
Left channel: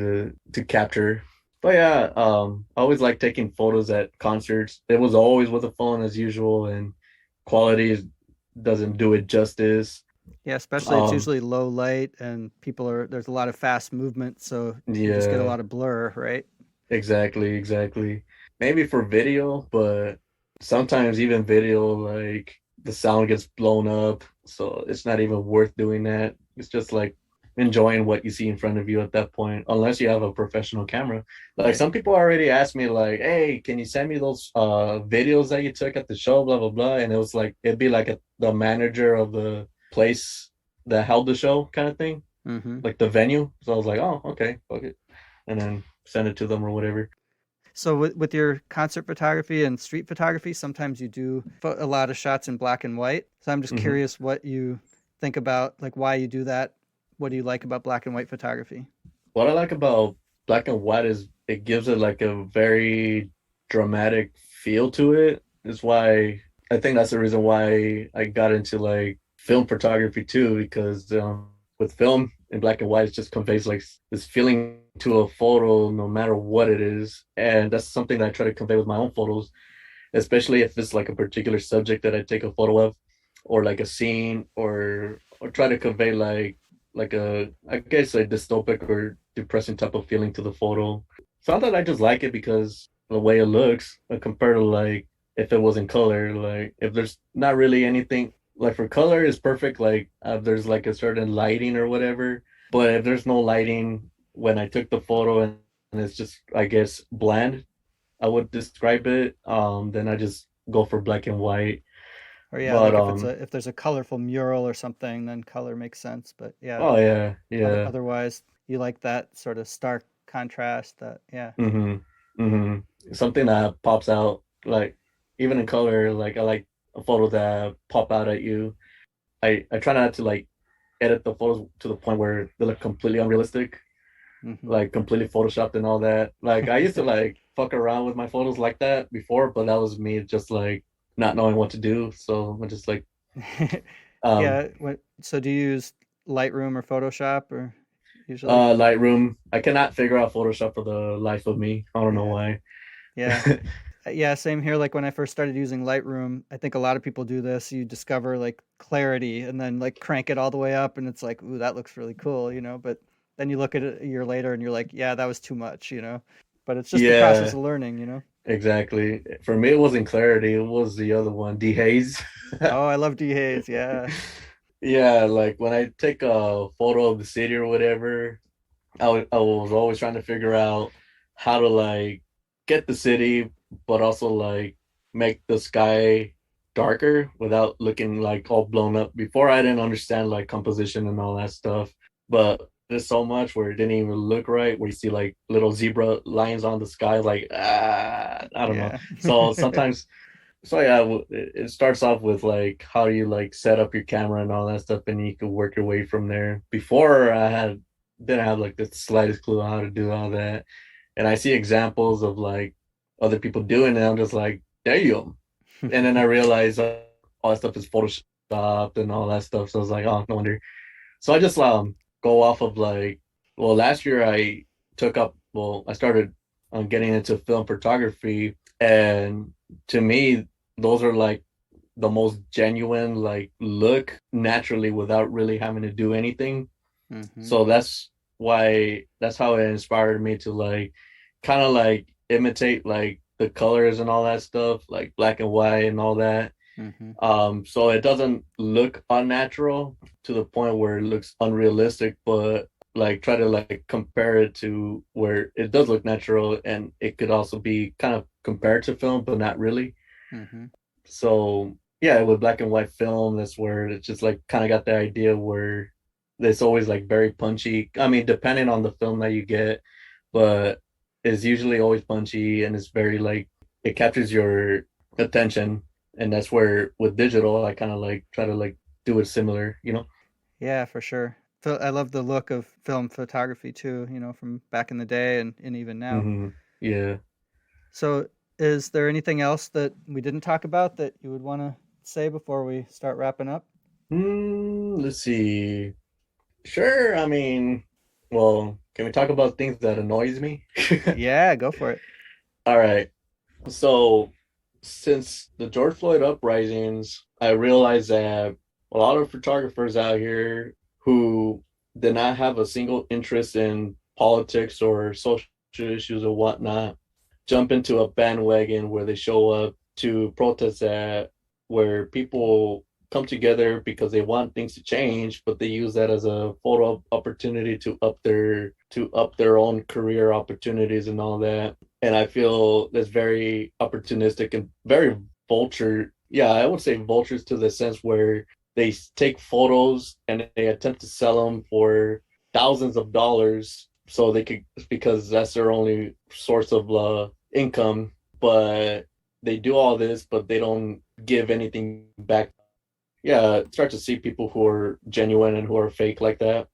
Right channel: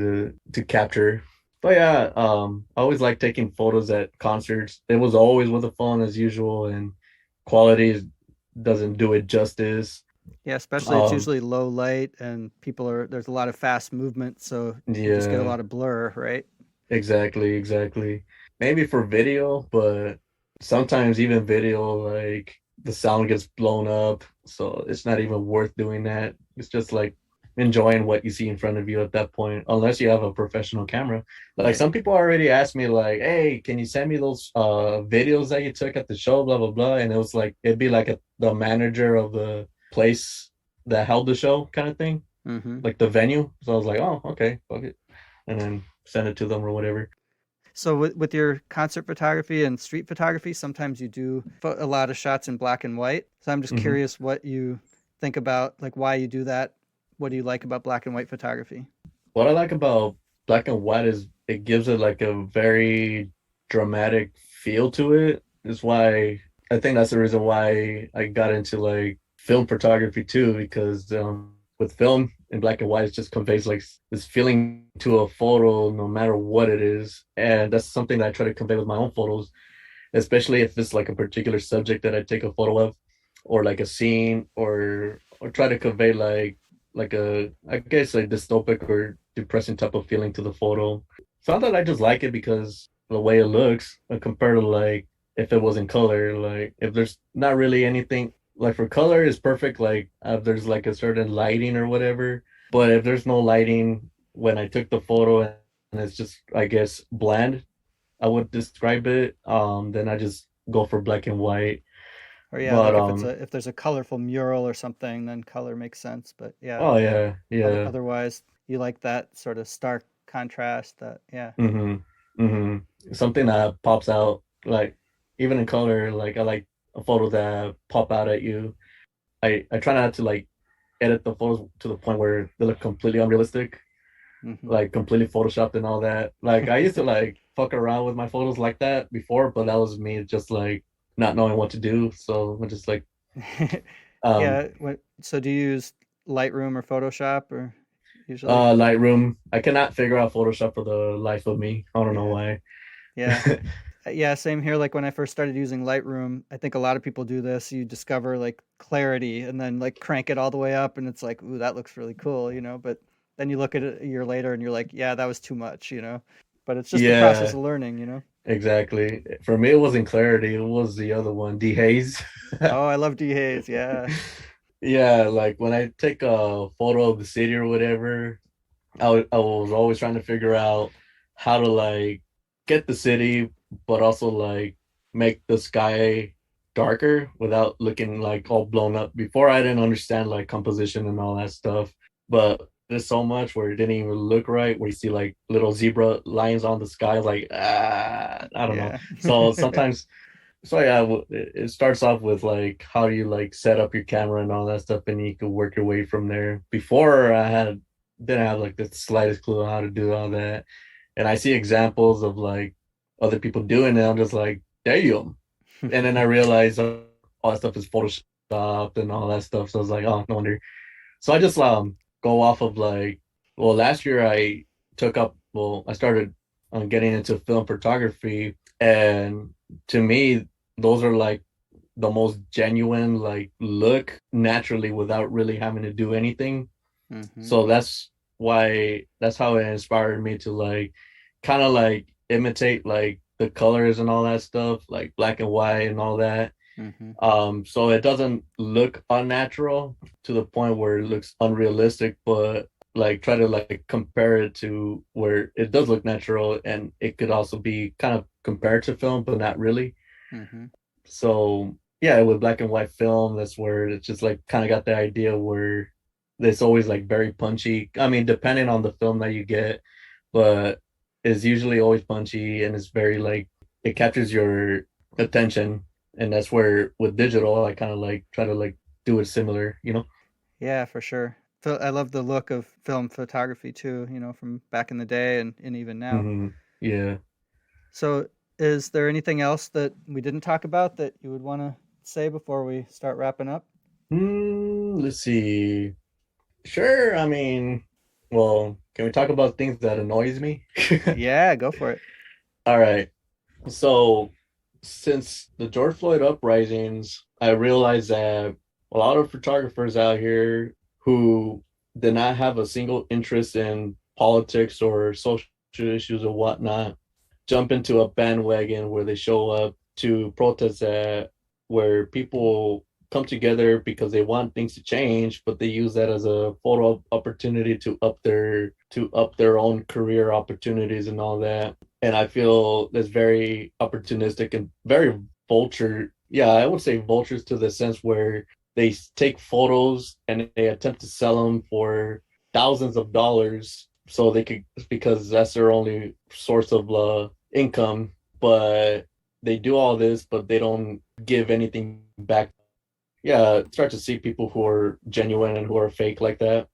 to capture. But yeah, I always like taking photos at concerts. It was always with a phone as usual, and quality doesn't do it justice. Yeah, especially it's Um, usually low light and there's a lot of fast movement, so you just get a yeah, lot of blur, right? exactly, exactly. Maybe for video, but sometimes even video, like the sound gets blown up, so it's not even worth doing that. It's just like enjoying what you see in front of you at that point, unless you have a professional camera. Like Right. some people already asked me, like, "Hey, can you send me those videos that you took at the show, blah blah blah?" And it was like it'd be like the manager of the place that held the show kind of thing, Mm-hmm. like the venue. So I was like, "Oh, okay, fuck it," and then send it to them or whatever. So with your concert photography and street photography, sometimes you do a lot of shots in black and white. So I'm just Hmm. curious what you think about, like why you do that. What do you like about black and white photography? What I like about black and white is it gives it like a very dramatic feel to it. Is why I think that's the reason why I got into like film photography too, because with film in black and white, it just conveys like this feeling to a photo, no matter what it is, and that's something that I try to convey with my own photos, especially if it's like a particular subject that I take a photo of, or like a scene, or try to convey like a I guess like dystopic or depressing type of feeling to the photo. Sometimes I just like it because the way it looks, compared to like if it was in color, like if there's not really anything like for color is perfect, like if there's like a certain lighting or whatever. But if there's no lighting when I took the photo and it's just I guess bland, I would describe it. Then I just go for black and white. Or yeah, But like if there's a colorful mural or something, then color makes sense. But yeah, oh yeah, yeah. otherwise you like that sort of stark contrast. That yeah. Mm-hmm. Mm-hmm. Something that pops out, like even in color, like I like a photo that pop out at you. I try not to like edit the photos to the point where they look completely unrealistic, Hmm. like completely photoshopped and all that. Like I used to like fuck around with my photos like that before, but that was me just like not knowing what to do. So I'm just like um Yeah. So do you use Lightroom or Photoshop or usually? Lightroom. I cannot figure out Photoshop for the life of me. I don't know Yeah. why. Yeah. Yeah, same here. Like when I first started using Lightroom, I think a lot of people do this. You discover like clarity and then like crank it all the way up and it's like, ooh, that looks really cool, you know, but then you look at it a year later and you're like, yeah, that was too much, you know. But it's just the process Yeah, of learning, you know. exactly. For me, it wasn't clarity. It was the other one, dehaze. Oh, I love D Hayes. Yeah. Yeah, like when I take a photo of the city or whatever, I was always trying to figure out how to like get the city, but also like make the sky darker without looking like all blown up. Before I didn't understand like composition and all that stuff, but there's so much where it didn't even look right, where you see like little zebra lines on the sky, like I don't know. Yeah. So sometimes so yeah, it starts off with like how you like set up your camera and all that stuff, and you can work your way from there. Before I had didn't have like the slightest clue on how to do all that, and I see examples of like other people doing it. I'm just like, damn. And then I realized all that stuff is photoshopped and all that stuff. So I was like, oh, no wonder. So I just go off of like, well, last year I took up, well, I started getting into film photography, and to me, those are like the most genuine, like look naturally without really having to do anything. Hmm. So that's how it inspired me to like kind of like imitate like the colors and all that stuff, like black and white and all that. Hmm. So it doesn't look unnatural to the point where it looks unrealistic, but like try to like compare it to where it does look natural and it could also be kind of compared to film, but not really. Hmm. So yeah, with black and white film, that's where it's just like kind of got the idea where it's always like very punchy. I mean, depending on the film that you get, but it's usually always punchy and it's very like it captures your attention. And that's where with digital, I kind of like try to like do it similar, you know? Yeah, for sure. I love the look of film photography too, you know, from back in the day and even now. Yeah. So, is there anything else that we didn't talk about that you would want to say before we start wrapping up? Let's see. Sure. I mean, well, can we talk about things that annoys me? Yeah, go for it. All right. So, since the George Floyd uprisings, I realized that a lot of photographers out here who did not have a single interest in politics or social issues or whatnot jump into a bandwagon where they show up to protest at, where people come together because they want things to change, but they use that as a photo opportunity to up their own career opportunities and all that. And I feel that's very opportunistic and very vulture. Yeah, I would say vultures to the sense where they take photos and they attempt to sell them for thousands of dollars so they could, because that's their only source of income. But they do all this, but they don't give anything back. Yeah, start to see people who are genuine and who are fake like that.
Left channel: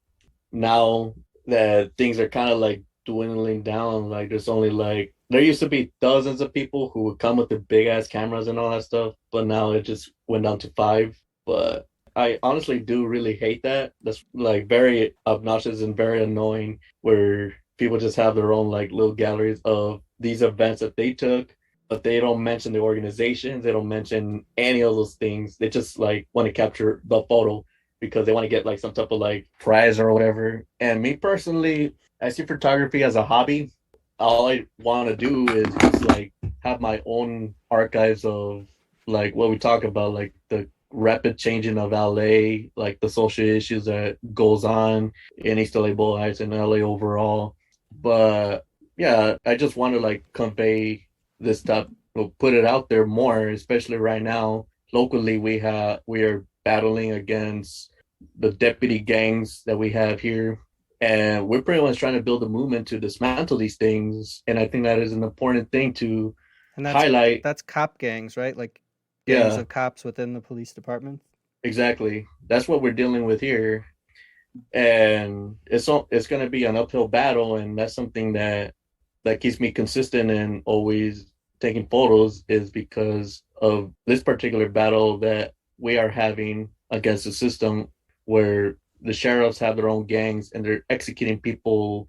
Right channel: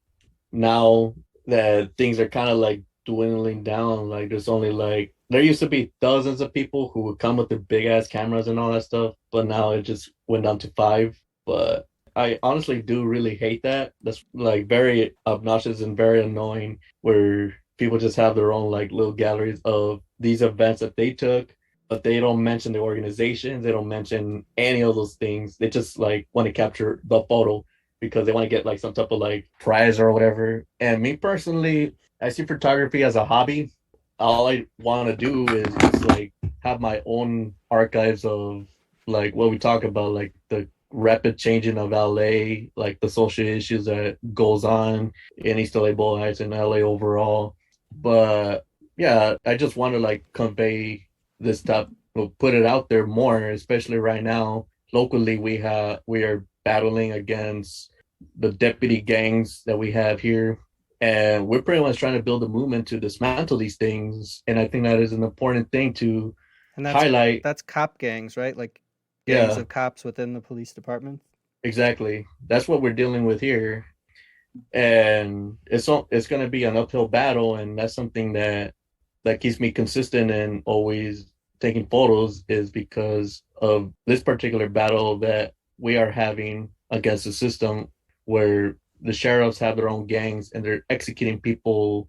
Now that things are kind of like dwindling down, like there's only like there used to be dozens of people who would come with the big ass cameras and all that stuff, but now it just went down to five. But I honestly do really hate that. That's like very obnoxious and very annoying where people just have their own like little galleries of these events that they took, but they don't mention the organizations, they don't mention any of those things. They just like want to capture the photo because they want to get like some type of like prize or whatever. And me personally, I see photography as a hobby. All I want to do is just like have my own archives of like what we talk about, like the rapid changing of LA, like the social issues that goes on in East LA Bowl Heights and LA overall. But yeah, I just want to like convey this stuff, put it out there more, especially right now. Locally, we are battling against the deputy gangs that we have here. And we're pretty much trying to build a movement to dismantle these things. And I think that is an important thing to And highlight. that's cop gangs, right? Like gangs Yeah, of cops within the police department. exactly. That's what we're dealing with here. And it's going to be an uphill battle. And that's something that keeps me consistent and always taking photos is because of this particular battle that we are having against the system where the sheriffs have their own gangs and they're executing people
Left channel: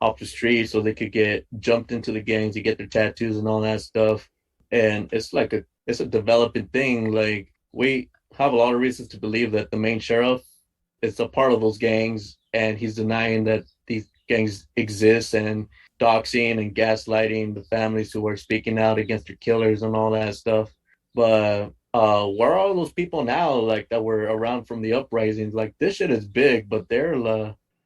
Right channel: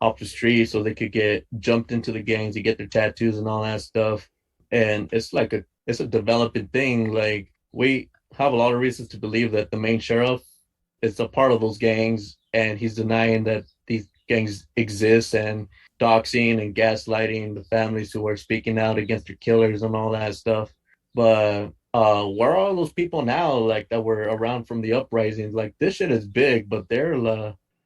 off the street so they could get jumped into the gangs to get their tattoos and all that stuff. And it's a developing thing. Like we have a lot of reasons to believe that the main sheriff is a part of those gangs and he's denying that these gangs exist and doxing and gaslighting the families who are speaking out against their killers and all that stuff. But where are all those people now, like that were around from the uprisings? Like this shit is big, but they're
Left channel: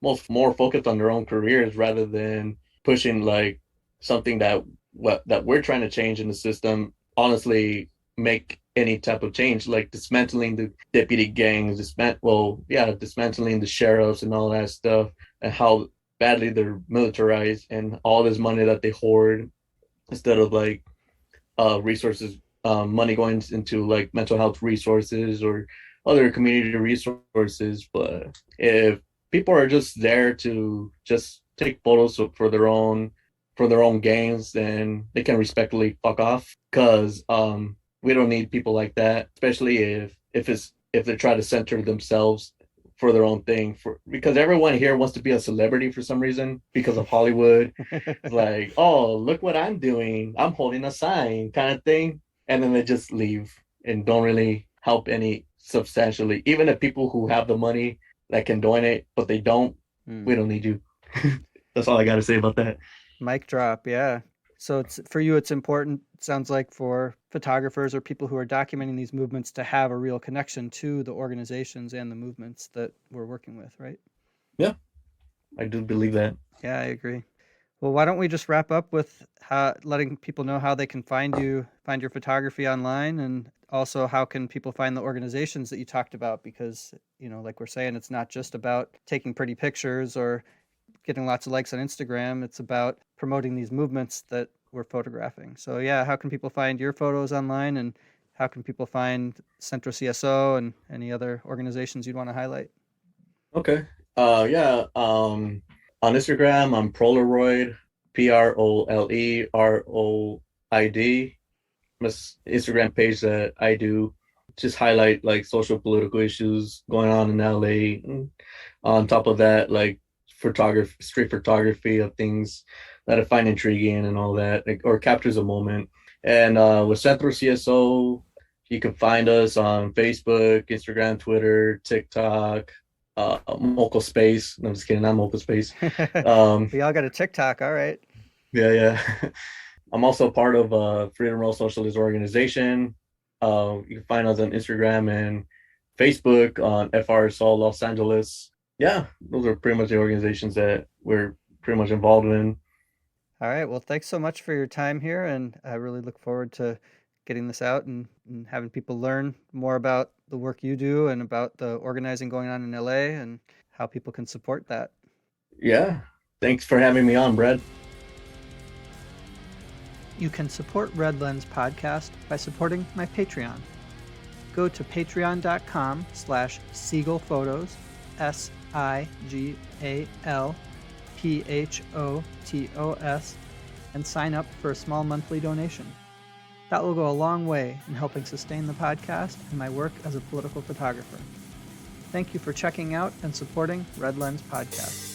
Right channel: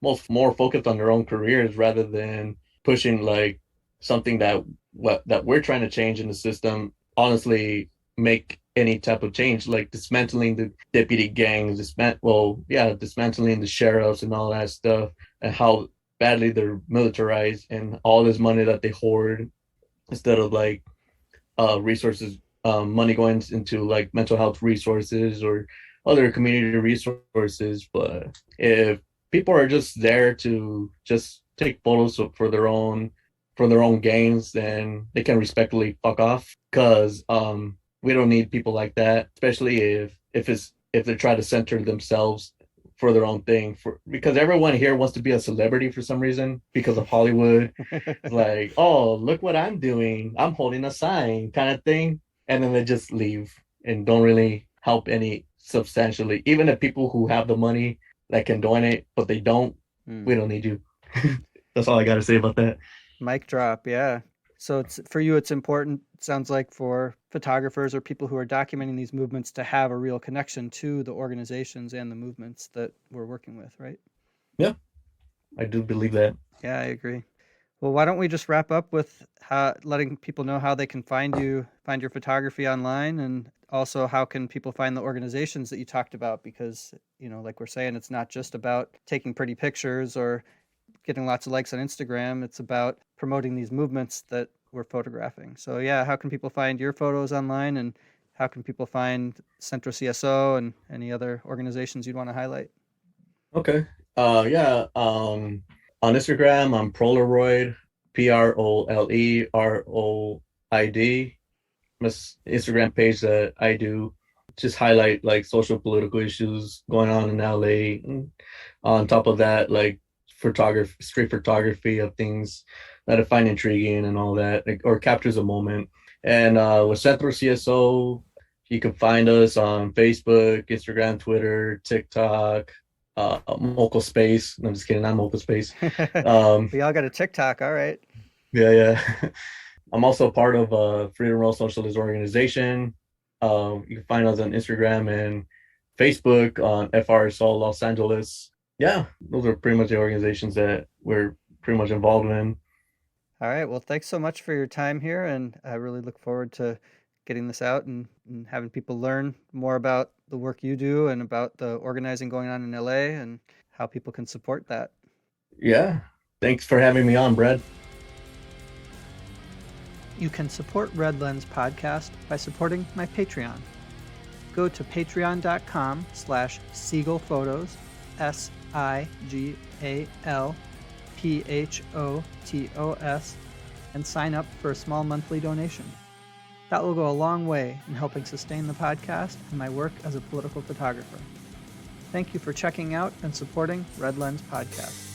most more focused on their own careers rather than pushing like something that we're trying to change in the system. Honestly, make any type of change, like dismantling the deputy gangs, dismantling the sheriffs and all that stuff, and how badly they're militarized and all this money that they hoard instead of like resources, money going into like mental health resources or other community resources. But if people are just there to just take photos for their own gains, then they can respectfully fuck off because we don't need people like that, especially if they try to center themselves for their own thing for because everyone here wants to be a celebrity for some reason because of Hollywood. Like, oh, look what I'm doing. I'm holding a sign kind of thing. And then they just leave and don't really help any substantially. Even the people who have the money that can donate, but they don't, Hmm. we don't need you. That's all I got to say about that. Mic drop, yeah. So it's for you, it's important, it sounds like, for photographers or people who are documenting these movements to have a real connection to the organizations and the movements that we're working with, right? Yeah, I do believe that. Yeah, I agree. Well, why don't we just wrap up with letting people know how they can find your photography online, and also how can people find the organizations that you talked about? Because, like we're saying, it's not just about taking pretty pictures or getting lots of likes on Instagram. It's about promoting these movements that we're photographing. So yeah, how can people find your photos online, and how can people find Centro CSO and any other organizations you'd want to highlight? Okay. Yeah. On Instagram, I'm Prolaroid, PROLEROID. Instagram page that I do just highlight like social political issues going on in LA. And on top of that, like street photography of things that I find intriguing and all that, like, or captures a moment. And with Centro CSO, You can find us on Facebook, Instagram, Twitter, TikTok, Mocha Space. No, I'm just kidding, not Mocha Space. Um, We all got a TikTok. All right. yeah, yeah. I'm also part of Freedom Roll Socialist Organization. You can find us on Instagram and Facebook on FRSO Los Angeles. Yeah, those are pretty much the organizations that we're pretty much involved in. All right. Well, thanks so much for your time here. And I really look forward to getting this out and having people learn more about the work you do and about the organizing going on in LA and how people can support that. Yeah, thanks for having me on, Brad. You can support Red Lens Podcast by supporting my Patreon. Go to patreon.com/SiegelPhotos, SIGALPHOTOS, and sign up for a small monthly donation. That will go a long way in helping sustain the podcast and my work as a political photographer. Thank you for checking out and supporting Red Lens Podcast.